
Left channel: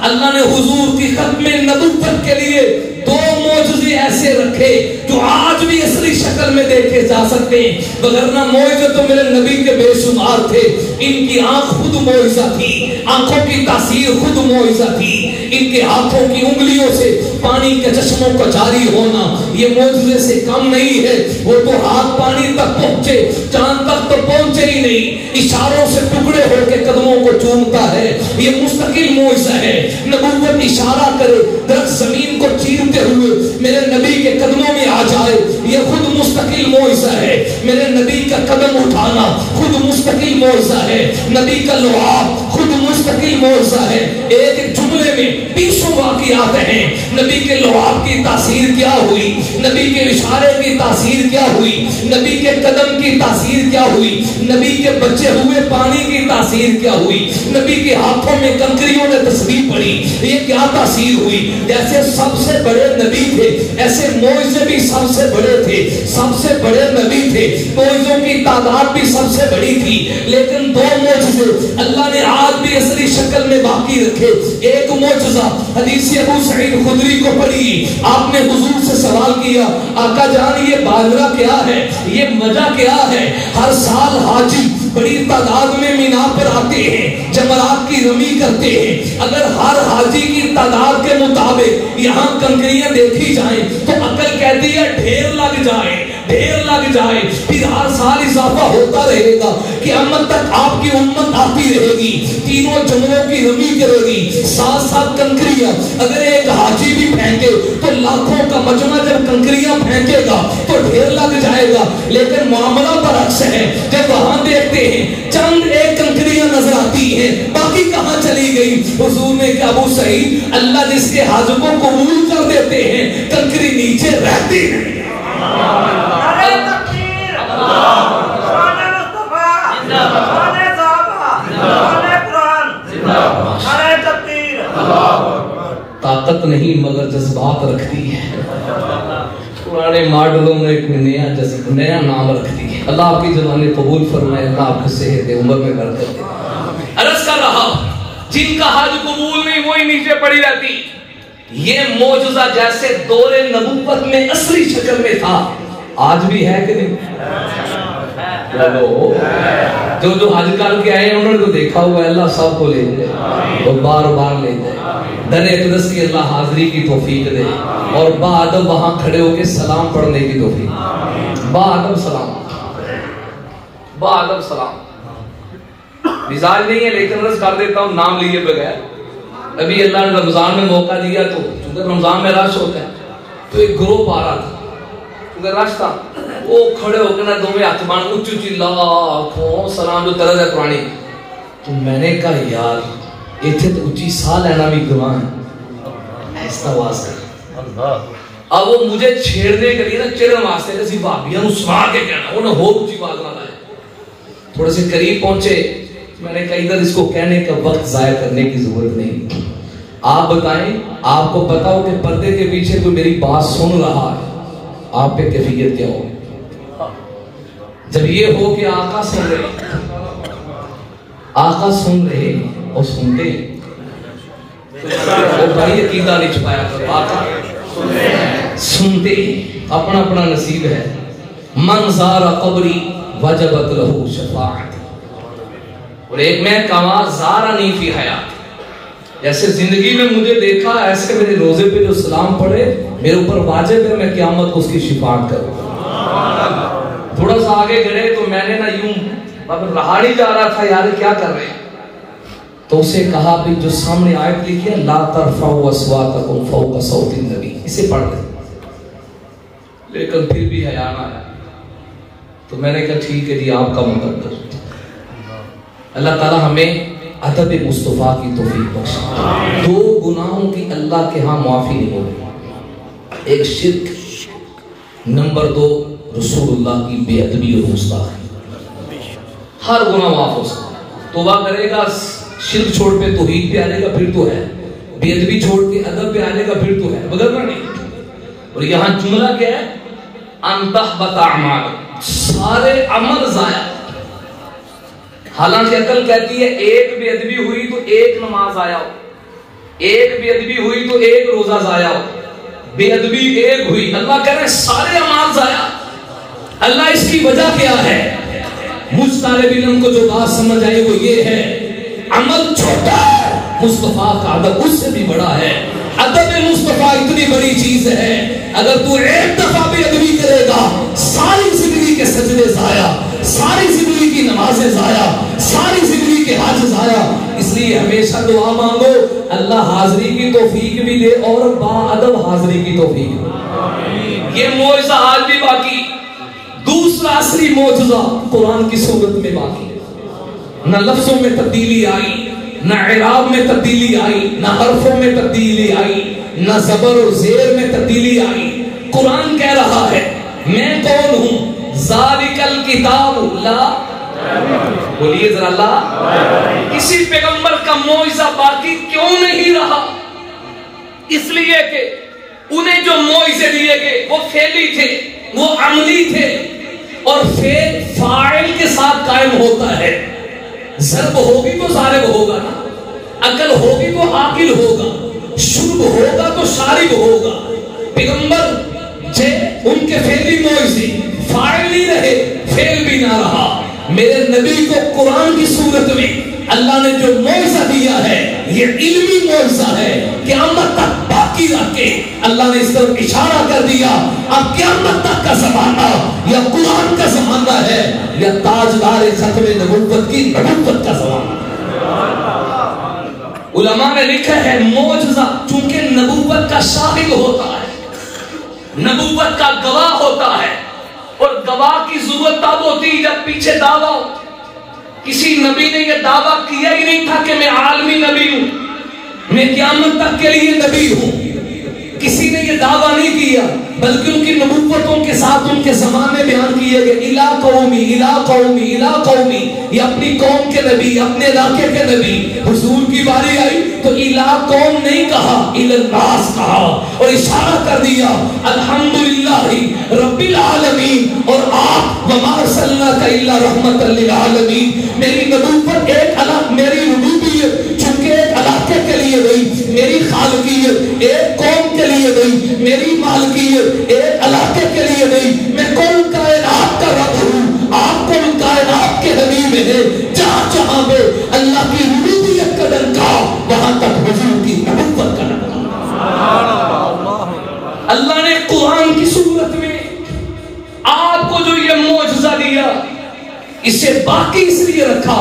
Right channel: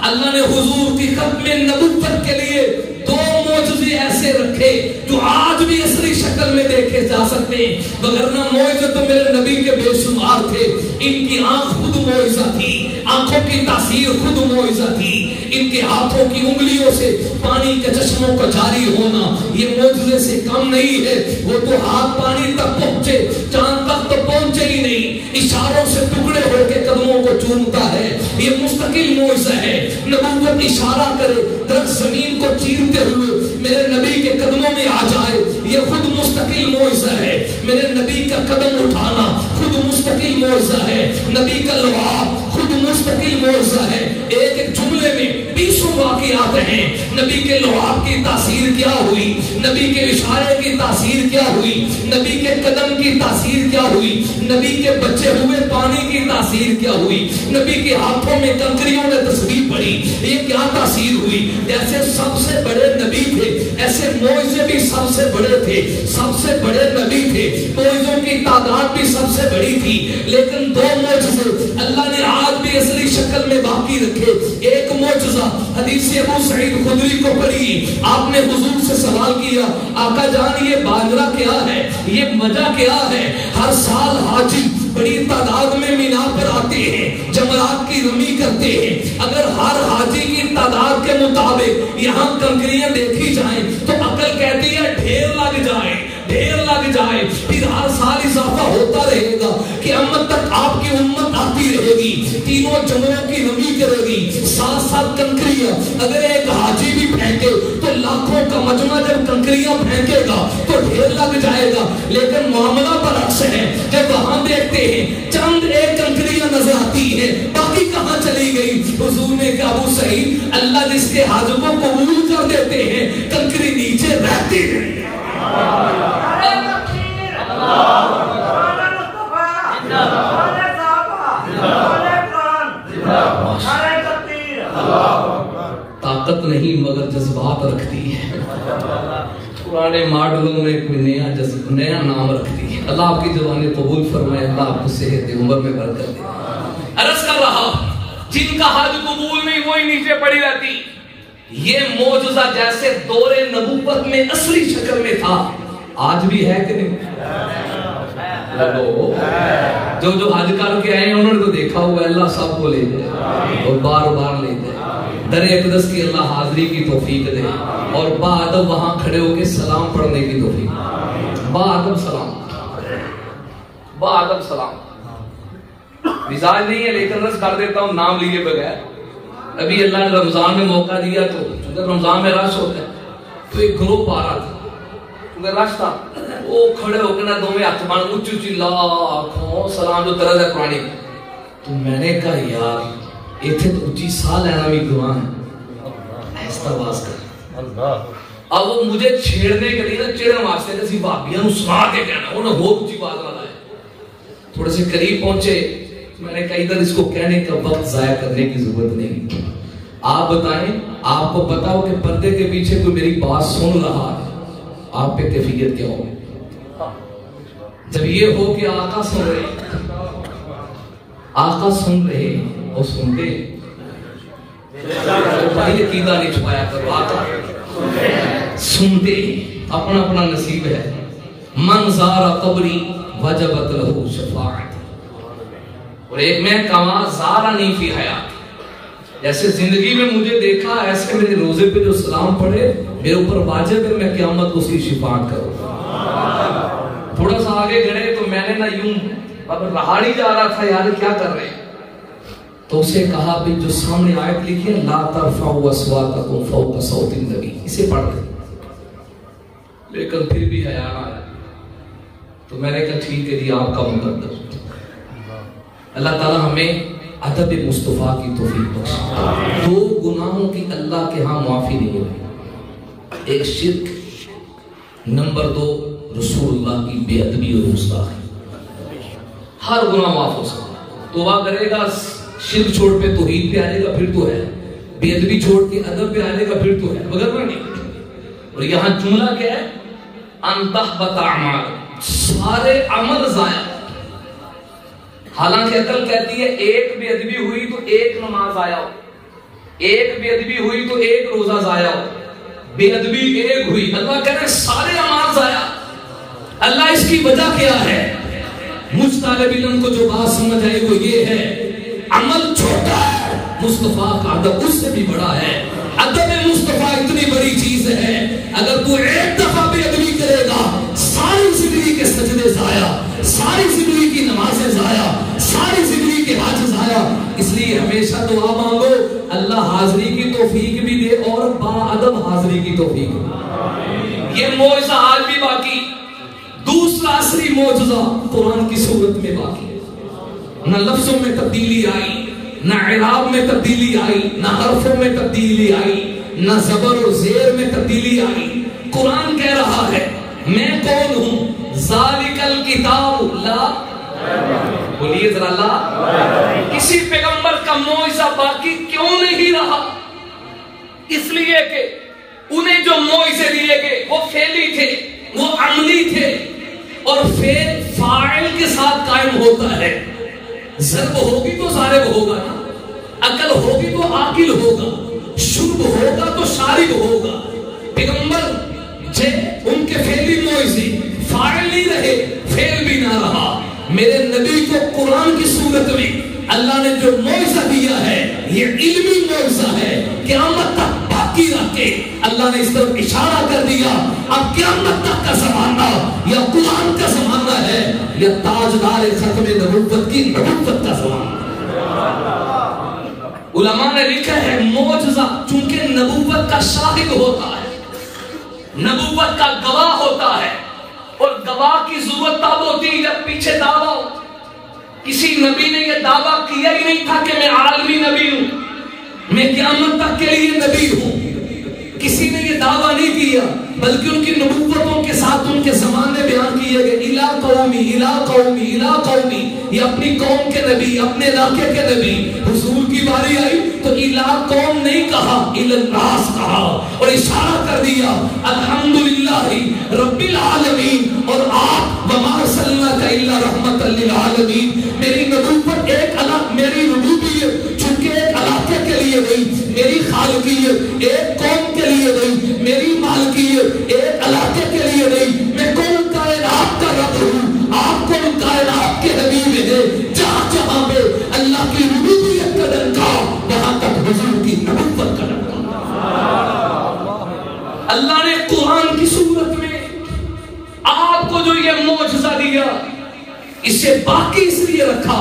اللہ نے حضور کی ختم نبوت کے لیے دو معجزے ایسے رکھے جو آج بھی اصلی شکل میں دیکھے جا سکتے ہیں، وگرنہ معجزے تو میرے نبی کے بے شمار تھے۔ ان کی آنکھ خود معجزہ تھی، آنکھوں کی تاثیر خود معجزہ تھی، ان کے ہاتھوں کی انگلیوں سے پانی کے چشموں کا جاری ہونا یہ معجزے سے کم نہیں ہے۔ وہ تو ہاتھ پانی تک پہنچے، چاند تک تو پہنچے ہی نہیں، اشاروں سے ٹکڑے ہو کے قدموں کو چومتا ہے، یہ مستقل معجزہ ہے۔ نبوت اشارہ کرے، درخت زمین کو چیرتے ہوئے میرے نبی کے قدموں میں آ جائے، یہ خود مستقل معجزہ ہے۔ میرے نبی کا قدم اٹھانا خود مستقل معجزہ ہے، نبی کا لعاب خود مستقل معجزہ ہے۔ ایک جملے میں 20 واقعات ہیں، نبی کے لعاب کی تاثیر کیا ہوئی، نبی کے اشارے کی تاثیر کیا ہوئی، نبی کے قدم کی تاثیر کیا ہوئی، نبی کے بچے ہوئے پانی کی تاثیر کیا ہوئی، نبی کے ہاتھوں میں کنکریوں نے تسبیح پڑھی، یہ کیا تاثیر ہوئی۔ جیسے سب سے بڑے نبی تھے ایسے معجزے بھی سب سے بڑے تھے، سب سے بڑے نبی تھے، معجزوں کی تعداد بھی سب سے بڑی تھی، لیکن دو معجزے اللہ نے آج بھی اصلی شکل میں باقی رکھے۔ ایک معجزہ حدیث ابو سعید خدری کو پڑھی، آپ نے حضور سے سوال کیا، آقا جان یہ باجرہ کیا ہے، یہ مزہ کیا ہے؟ ہر سال حاجی بڑی تعداد میں مینا پر آتے ہیں، جمرات کی رمی کرتے ہیں، اگر ہر حاجی کی تعداد کے مطابق یہاں کنکریاں دیکھی جائیں تو عقل کہتی ہے ڈھیر لگ جائے، ڈھیر لگ جائے، پھر ہر سال اضافہ ہوتا رہے گا، قیامت تک آپ کی امت آتی رہے گی، تینوں جمروں کی رمی کرے گی، ساتھ ساتھ کنکریاں، اگر ایک حاجی بھی پھینکے تو لاکھوں کا مجمع جب کنکریاں پھینکے گا تو ڈھیر لگ جائے گا۔ لیکن معاملہ برعکس ہے، جب وہاں دیکھتے ہیں چند ایک کنکریاں نظر آتی ہیں، باقی کہاں چلی گئی؟ حضور نے کہا ابو سعید اللہ جس کے حاجوں کو قبول کر دیتے ہیں کنکری نیچے رہتی ہے۔ طاقت نہیں مگر جذبات رکھتی ہے، پرانے ماڈلوں میں کوئی نیا نام رکھتی ہے۔ اللہ آپ کی زبان قبول فرمائے، اللہ آپ کو صحت عمر میں برکت دے۔ عرض کر رہا جن کا حج قبول نہیں وہی نیچے پڑی رہتی۔ یہ معجزہ جیسے دور نبوت میں اصلی شکل میں تھا آج بھی ہے کہ نہیں؟ جو حج کر کے آئے ہیں انہوں نے تو دیکھا ہوا ہے، اللہ سب کو لے جائے اور بار بار لے جائے، در اقدس کی اللہ حاضری کی توفیق دے اور با ادب وہاں کھڑے ہو کے سلام پڑھنے کی توفیق، با ادب سلام، با ادب سلام۔ مزاج نہیں ہے لیکن عرض کر دیتا ہوں نام لیے بغیر، ابھی اللہ نے رمضان میں موقع دیا تو چونکہ رمضان میں رش ہوتا ہے تو ایک گروپ آ رہا تھا، کیونکہ رش تھا، وہ کھڑے ہو کے نا دو میں ہاتھ مان اونچی اونچی لاکھوں سلام جو طرز ہے قرآنی، تو میں نے کہا یار ایتھے تو اونچی سا لینا بھی گناہ ہے، ایسا آواز کر۔ اب وہ مجھے چھیڑنے کے لیے نا چڑھن واسطے کسی بھابیاں نو سنا کے کہنا، انہیں بہت اونچی بات نہ لائے، تھوڑے سے قریب پہنچے، میں نے کہا ادھر اس کو کہنے کا وقت ضائع کرنے کی ضرورت نہیں، آپ بتائیں، آپ کو بتاؤ کہ پردے کے پیچھے کوئی میری بات سن رہا ہے، آپ پہ کیفیت کیا ہوگی؟ جب یہ ہو کہ آقا سن رہے، آقا سن رہے اور سنتے، بھائی عقیدہ نہیں چھپایا کرو، آقا سنتے، اپنا اپنا نصیب ہے۔ من زار قبری وجبت لہو شفاعت، اور ایک میں کہا زارنی فی حیات، جیسے زندگی میں مجھے دیکھا ایسے میرے روزے پہ جو سلام پڑھے میرے اوپر واجب ہے میں قیامت کو اس کی شفاعت کروں۔ تھوڑا سا آگے گئے تو میں نے نا یوں رہا نہیں جا رہا تھا یار کیا کر رہے، تو اسے کہا بھی جو سامنے آیت لکھی ہے لا ترفعوا اصواتکم فوق صوت النبی، اسے پڑھ دیں، لیکن پھر بھی حیا نہ آیا، تو میں نے کہا ٹھیک ہے جی آپ کا مقدر۔ اللہ تعالی ہمیں ادب مصطفیٰ کی توفیق بخشے۔ دو گناہوں کی اللہ کے ہاں معافی نہیں ہوگی، ایک شرک، نمبر دو رسول اللہ کی بے ادبی اور گستاخی۔ ہر گناہ معاف ہو سکتا ہے، توبہ کرے گا شرک چھوڑ پہ توحید پہ آنے گا پھر تو ہے، بے ادبی چھوڑ کے ادب پہ آنے گا پھر تو ہے، مگر نہیں اور یہاں جملہ کیا ہے؟ ان تحبط اعمالکم، سارے عمل ضائع۔ حالانکہ عقل کہتی ہے ایک بے ادبی ہوئی تو ایک نماز ضائع ہو، ایک بے ادبی ہوئی تو ایک روزہ ضائع ہو، بے ادبی ایک ہوئی، اللہ کہہ رہے ہیں سارے اعمال ضائع۔ اللہ اس کی وجہ کیا ہے؟ مجھ طالب علم کو جو بات سمجھ آئی وہ یہ ہے، عمل چھوٹا ہے، مصطفیٰ کا ادب اس سے بھی بڑا ہے۔ ادب مصطفیٰ اتنی بڑی چیز ہے، اگر تو ایک دفعہ بے ادبی کرے گا ساری زندگی کے سجدے ضائع، ساری زندگی کی نمازیں ضائع، ساری زندگی کے حج ضائع۔ اس لیے ہمیشہ دعا مانگو اللہ حاضری کی توفیق بھی دے اور با ادب حاضری کی توفیق دے۔ یہ معجزہ آج بھی باقی۔ دوسرا اصلی معجزہ قرآن کی صورت میں باقی ہے، نہ لفظوں میں تبدیلی آئی، نہ اعراب میں تبدیلی آئی، نہ حرفوں میں تبدیلی آئی، نہ زبر اور زیر میں تبدیلی آئی۔ قرآن کہہ رہا ہے میں کون ہوں؟ ذالک الکتاب لا، بولیے ذرا لا۔ کسی پیغمبر کا معجزہ باقی کیوں نہیں رہا؟ اس لیے کہ انہیں جو معجزے دیے گئے وہ فعلی تھے، وہ عملی تھے، اور فعل فاعل کے ساتھ قائم ہوتا ہے۔ ضرب ہوگی تو ضارب ہوگا نا، عقل ہوگی تو عاقل ہوگا، شرب ہوگا تو شارب ہوگا۔ پیغمبر جے ان کے فعلی معجزے فاعل نہیں رہے، فعل بھی نہ رہا۔ میرے نبی کو قرآن کی صورت میں اللہ نے جو معجزہ دیا ہے یہ علمی معجزہ ہے، قیامت تک باقی رکھ کے اللہ نے اس طرف اشارہ کر دیا۔ اب قیامت تک کا زمانہ یا قرآن کا زمانہ ہے یا تاجدار ختم نبوت کی نبوت کا زمانہ۔ علماء نے لکھا ہے معجزہ چونکہ نبوت کا شاہد ہوتا ہے، نبوت کا گواہ ہوتا ہے، اور گواہ کی ضرورت تب ہوتی ہے جب پیچھے دعویٰ ہو۔ کسی نبی نے یہ دعویٰ کیا ہی نہیں تھا کہ میں عالمی نبی ہوں، میں قیامت تک کے لیے نبی ہوں، کسی نے یہ دعویٰ نہیں کیا، بلکہ ان کی نبوتوں کے ساتھ ان کے زمانے بیان کیے گئے۔ الا قومی الا قومی الا قومی، یہ اپنی قوم کے نبی، اپنے علاقے کے نبی۔ حضور کی باری آئی تو الا قوم نہیں کہا، الا الناس کہا، اور اشارہ کر دیا الحمدللہ رب العالمین، اور آپ وما ارسلناک الا رحمۃ للعالمین۔ میری نبوت ایک میری نبوت چونکہ ایک علاقے کے لیے گئی، میری خالقیت ایک قوم کے لیے گئی، میری مالکیت ایک علاقے کے لیے گئی۔ میں کل کائنات کا رب ہوں، آپ کل کائنات کے حبیب ہیں۔ جہاں جہاں پہ اللہ کی ربوبیت کا ڈنکا وہاں تک حضور کی نبوت کا ڈنکا۔ اللہ نے قرآن کی صورت میں آپ کو جو یہ معجزہ دیا اسے باقی اس لیے رکھا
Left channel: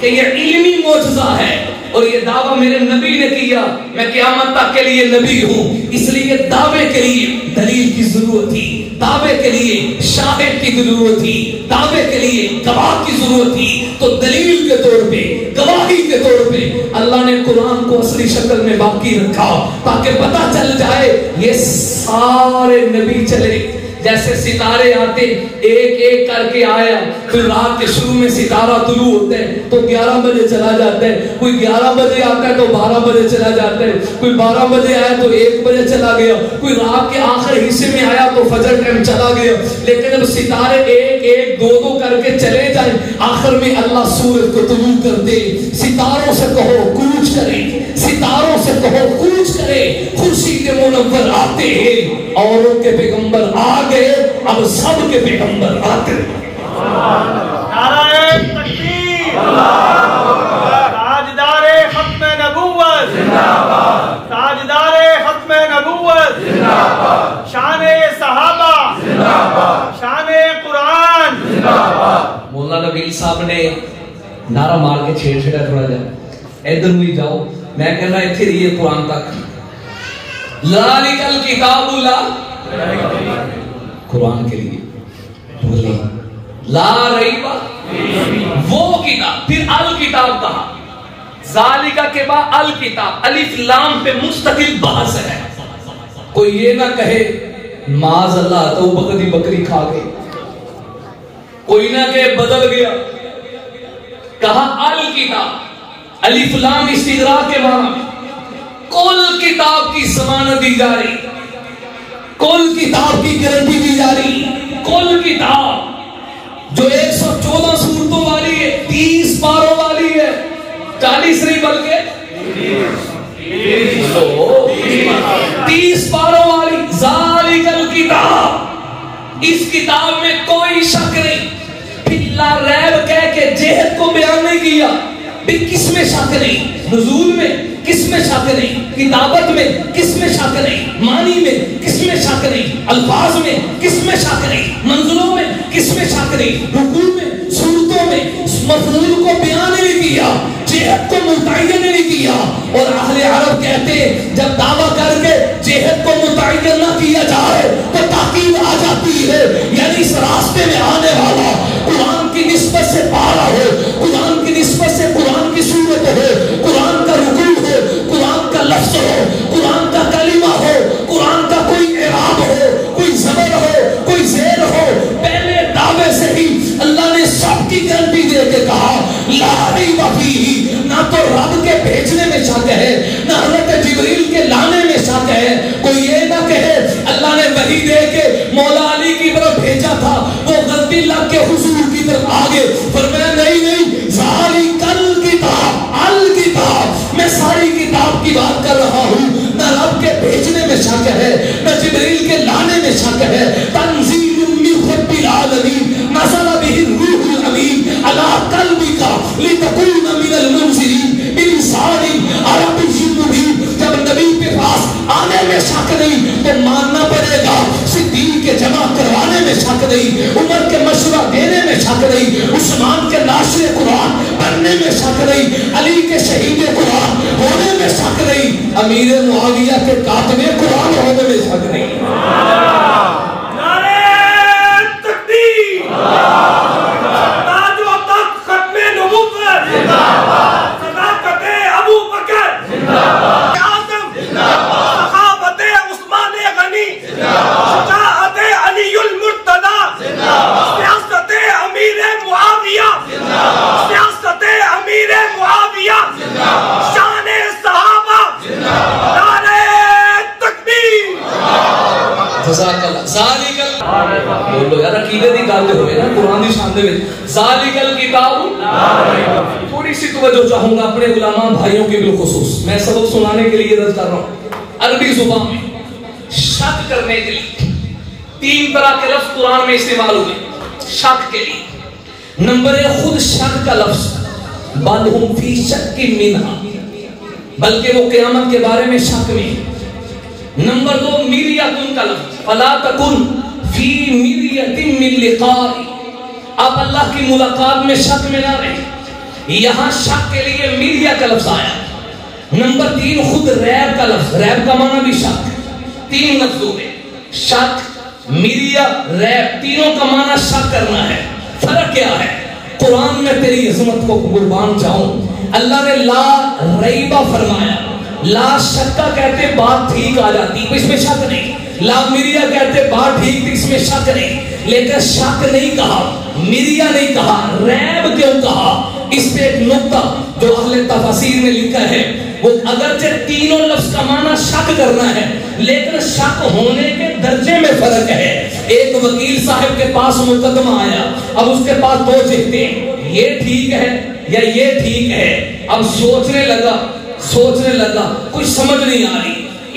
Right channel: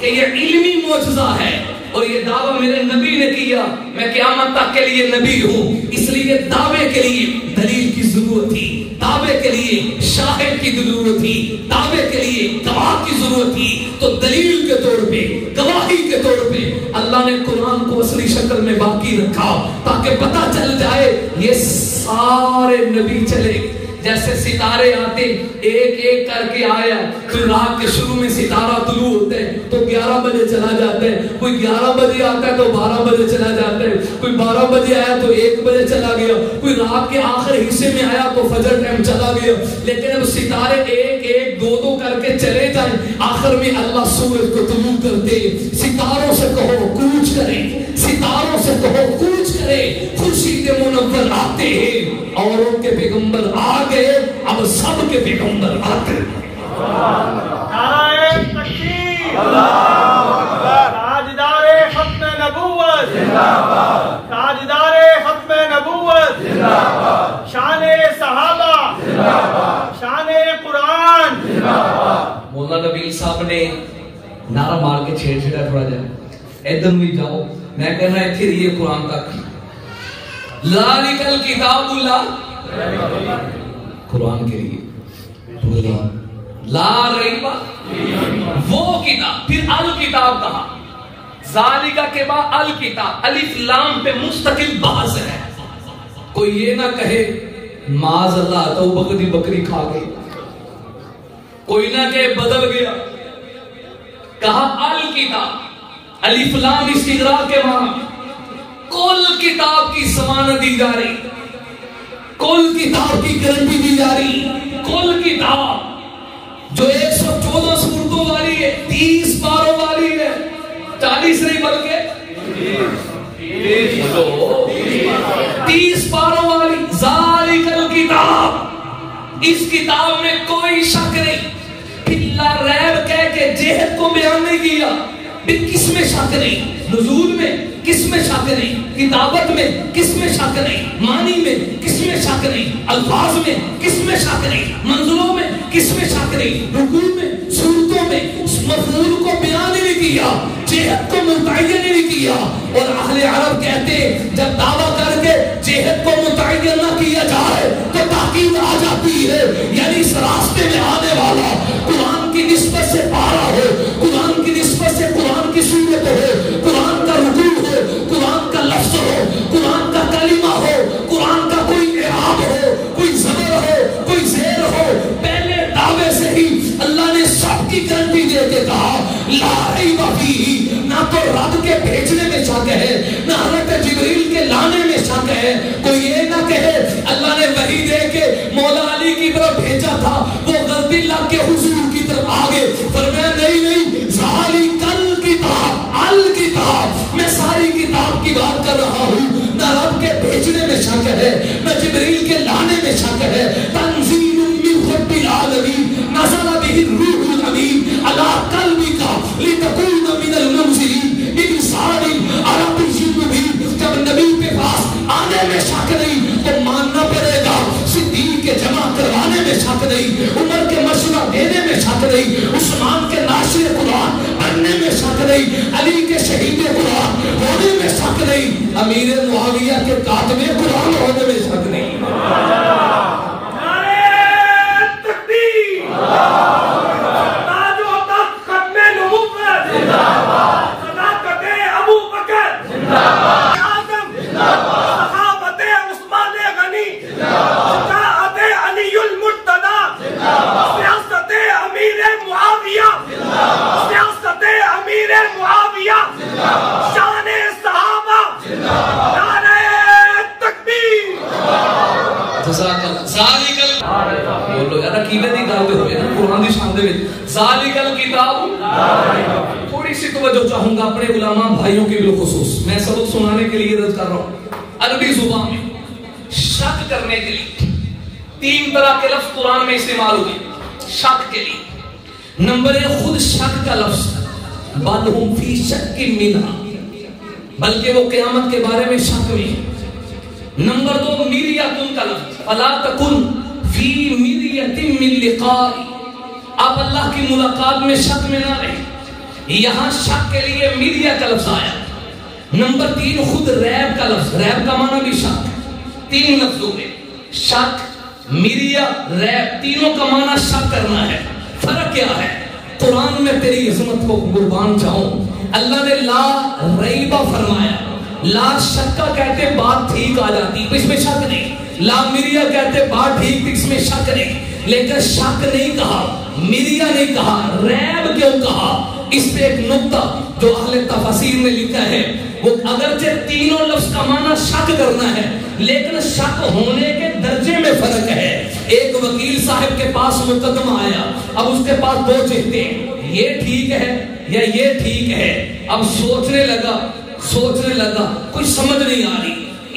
کہ یہ علمی معجزہ ہے، اور یہ دعویٰ میرے نبی نے کیا میں قیامت تک کے لیے نبی ہوں۔ اس لیے دعوے کے لیے دلیل کی ضرورت تھی، دعوے کے لیے شاہد کی ضرورت تھی، دعوے کے لیے گواہ کی ضرورت تھی۔ تو دلیل کے طور پہ، گواہی کے طور پہ اللہ نے قرآن کو اصلی شکل میں باقی رکھا تاکہ پتہ چل جائے یہ سارے نبی چلے۔ جیسے ستارے آتے ایک ایک کر کے آیا، پھر رات کے شروع میں ستارہ طلوع ہوتا ہے تو 11 بجے چلا جاتا ہے، کوئی 11 بجے آتا ہے تو 12 بجے چلا جاتا ہے، کوئی 12 بجے آیا تو 1 بجے چلا گیا، کوئی رات کے آخر حصے میں آیا تو فجر ٹائم چلا گیا۔ لیکن جب ستارے ایک ایک دو دو کر کے چلے جائیں، آخر میں اللہ سورج کو طلوع کر دے۔ ستاروں سے کہو کوچ کرے، ستاروں سے کہو کوچ کرے، خورشید منور آتے ہیں، اوروں کے پیغمبر آ گئے، اب سب کے پیغمبر آتے ہیں۔ نعرہ تکبیر، تاجدار ختم نبوت، تاجدار ختم نبوت، شان صحابہ، شان قرآن۔ مولانا نبیل صاحب نے نعرہ مار کے چھیڑ چھیڑا تھوڑا جائے ادھر ہوئی جاؤ، میں کہنا اتھے رہیے قرآن تک۔ ذالک الکتاب لا، قرآن کے لیے بولی لا ریب، وہ کتاب، پھر الکتاب کہا، ذالکہ کے بعد الکتاب، الف لام پہ مستقل بحث ہے۔ کوئی یہ نہ کہے معاذ اللہ تو بکری بکری کھا گئی، کوئی نہ کہے بدل گیا، کہا الکتاب، الف لام استغراق کے معنی، کل کتاب کی ضمانت دی جا رہی، کل کل کتاب کی گارنٹی دی جا رہی، کل کتاب جو 114 سورتوں والی ہے، 30 پاروں والی ہے، 40 نہیں بلکہ 30 پاروں والی، ذالک الکتاب، اس کتاب میں کوئی شک نہیں۔ پھر لا ریب کہہ کے جہد کو بیان نہیں کیا، پھر کس میں شک نہیں؟ نزول میں کس میں شک نہیں؟ کتابت میں کس میں شک نہیں؟ معنی میں کس میں شک نہیں؟ الفاظ میں کس میں شک نہیں؟ منزلوں میں کس میں شک نہیں؟ رکوع میں، سورتوں میں مفعول کو بیان نہیں کیا، جہد کو متعین نہیں کیا۔ اور اہل عرب کہتے ہیں جب دعویٰ کر کے جہد کو متعین نہ کیا جائے تو تاکید آ جاتی ہے، یعنی اس راستے میں آنے والا قرآن کی نسبت سے پارا ہو، قرآن کی نسبت سے قرآن کی صورت ہو، قرآن کا رکوع ہو، قرآن کا لفظ ہو، قرآن کا کلمہ ہو، قرآن کا کوئی اعراب ہو، کوئی زبر ہو، کوئی زیر ہو، پہلے دعوے سے ہی اللہ نے سب کی گارنٹی دے کے کہا لا ریب فیہ، نہ تو رب کے بھیجنے میں شک ہے، نہ حضرت جبریل کے لانے میں شک ہے۔ کوئی یہ نہ کہے اللہ نے وحی دے کے مولا علی کی طرف بھیجا تھا، وہ غلطی لگ کے حضور کی طرف آگے، فرمایا نہیں نہیں، ذالک الکتاب، الکتاب، میں ساری کتاب کی بات کر رہا ہوں۔ نہ رب کے بھیجنے میں شک ہے، نہ جبریل کے لانے میں شک ہے۔ تنزیل من رب العالمین، نزل بہ الروح الامین علی قلبک لتکون من المنذرین بلسان عربی مبین۔ جب نبی کے پاس آنے میں شک نہیں تو ماننا پڑے گا، صدیق کے جمع کروانے میں شک نہیں، عمر کے مشورہ دینے میں شک نہیں، عثمان کے ناشر قرآن بننے میں شک نہیں، علی کے شہید قرآن ہونے میں شک نہیں، امیر معاویہ کے کاتب قرآن ہونے میں شک نہیں۔ نعرہ تکبیر، تاج و تخت ختم نبوت، صداقت ابو بکر، اعظم، صحابت عثمان غنی، شجاعت علی المرتضی، سیاست امیر معاویہ، سیاست امیر معاویہ، شان صحابہ، نعرہ تکبیر۔ جزاک اللہ۔ ذالک بولو یار، عقیدے دی گل ہوئے نا قرآن دی شان دے وچ، ذالک الکتاب۔ تھوڑی سی توجہ چاہوں گا اپنے علماء بھائیوں کے بالخصوص، میں سبق سنانے کے لیے عرض کر رہا ہوں۔ عربی زبان میں شک کرنے کے لیے 3 طرح کے لفظ قرآن میں استعمال ہوئے شک کے لیے۔ نمبر 1 خود شک کا لفظ، بل ہم فی شک منہا، بلکہ وہ قیامت کے بارے میں شک میں۔ نمبر 2 مریۃ کا لفظ، فلا تکن فی مریۃ من لقاء، آپ اللہ کی ملاقات میں شک میں نہ رہیں، یہاں شک کے لیے مریۃ کا لفظ آیا۔ نمبر 3 خود ریب کا لفظ، ریب کا معنی بھی شک، 3 لفظ ہوئے، شک، مریۃ، ریب، تینوں کا معنی شک کرنا ہے۔ فرق کیا ہے؟ قرآن میں تیری عظمت کو قربان جاؤں، اللہ نے لا ریبہ فرمایا، لا شکا کہتے بات ٹھیک آ جاتی، اس میں شک نہیں، لا مریہ کہتے بات ٹھیک تھی، اس میں شک نہیں، لیکن شک نہیں کہا، مریہ نہیں کہا، ریب کیوں کہا؟ اس پہ ایک نقطہ جو اہل تفسیر نے لکھا ہے، وہ اگرچہ تینوں لفظ کا معنی شک کرنا ہے لیکن شک ہونے کے درجے میں فرق ہے۔ ایک وکیل صاحب کے پاس مقدمہ آیا، اب اس کے پاس 2 چہتے، یہ ٹھیک ہے یا یہ ٹھیک ہے، اب سوچنے لگا کچھ سمجھ نہیں آ رہی،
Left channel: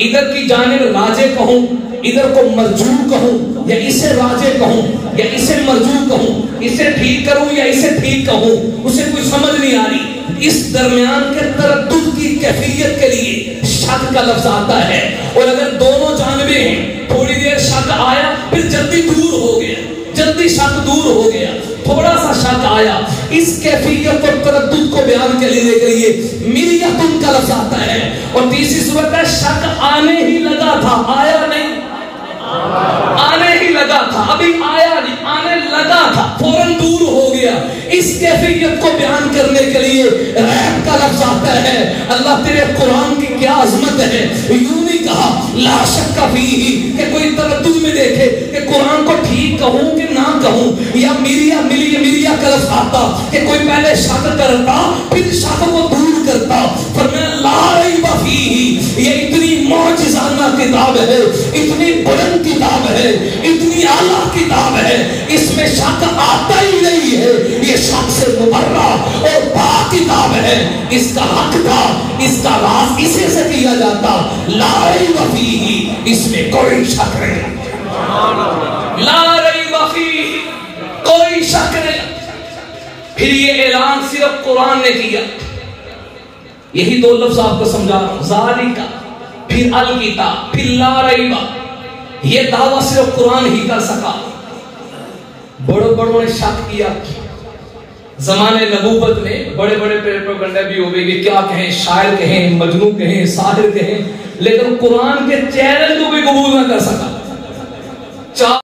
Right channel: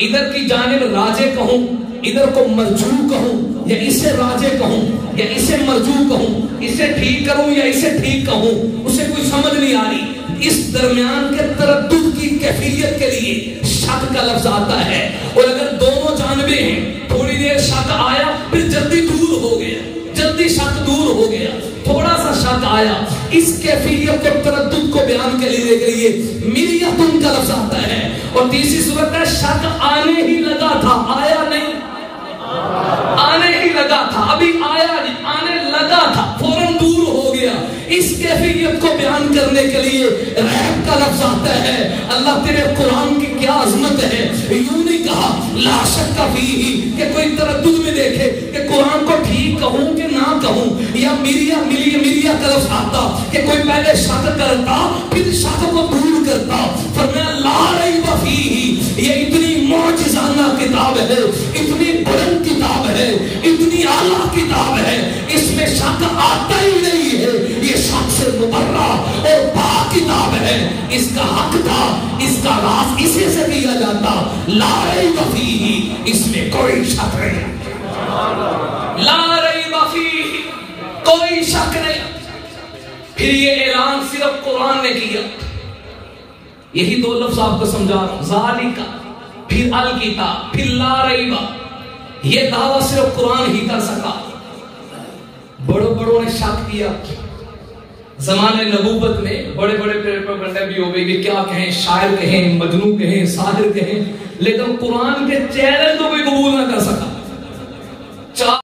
ادھر کی جانب راجے کہوں، ادھر کو مرجوع کہوں، یا اسے راجے کہوں یا اسے مرجوع کہوں، اسے ٹھیک کروں یا اسے ٹھیک کہوں، اسے کچھ سمجھ نہیں آ رہی۔ اس درمیان کے تردد کی کیفیت کے لیے شک کا لفظ آتا ہے، اور اگر دونوں جانبیں ہیں، تھوڑی دیر شک آیا پھر جلدی دور ہو گیا، جلدی شک دور ہو گیا، تھوڑا سا شک آیا، اس کیفیت اور تردد کو بیان کے لیے مریۃ کا لفظ آتا ہے۔ اور تیسری صورت ہے شک آنے ہی لگا تھا، آیا نہیں، آنے ہی لگا تھا، ابھی آیا نہیں، آنے لگا تھا، فوراً دور ہو گیا۔ اس کیفیت کو بیان کرنے کے لیے ریب کا لفظ آتا ہے۔ اللہ تیرے قرآن کی کیا عظمت ہے، یوں نہیں کہا لا شک فیہ کہ کوئی تردد میں دیکھے کہ قرآن کو ٹھیک کہوں کہ نہ کہوں، یا مریہ کا لفظ آتا کہ کوئی پہلے شک کرتا پھر شک کو دور کرتا، فرمایا لا ریب فیہ، یہ اتنی معجزانہ کتاب ہے، اتنی بلند کتاب ہے اس کا راز اسی سے کیا جاتا لا ریب فیہ، اس میں کوئی شک نہیں، لا ریب فیہ، کوئی شک نہیں۔ پھر یہ اعلان صرف قرآن نے کیا، یہی دو لفظ آپ کو سمجھا، ذالک، پھر الکتاب، پھر لا ریب، یہ دعویٰ صرف قرآن ہی کر سکا۔ بڑوں بڑوں نے شک کیا، زمانے نبوت میں بڑے بڑے پروپیگنڈے بھی ہو گئے کہ کیا کہیں، شاعر کہیں، مجنون کہیں، ساحر کہیں، لیکن قرآن کے چیلنج کو بھی قبول نہ کر سکا۔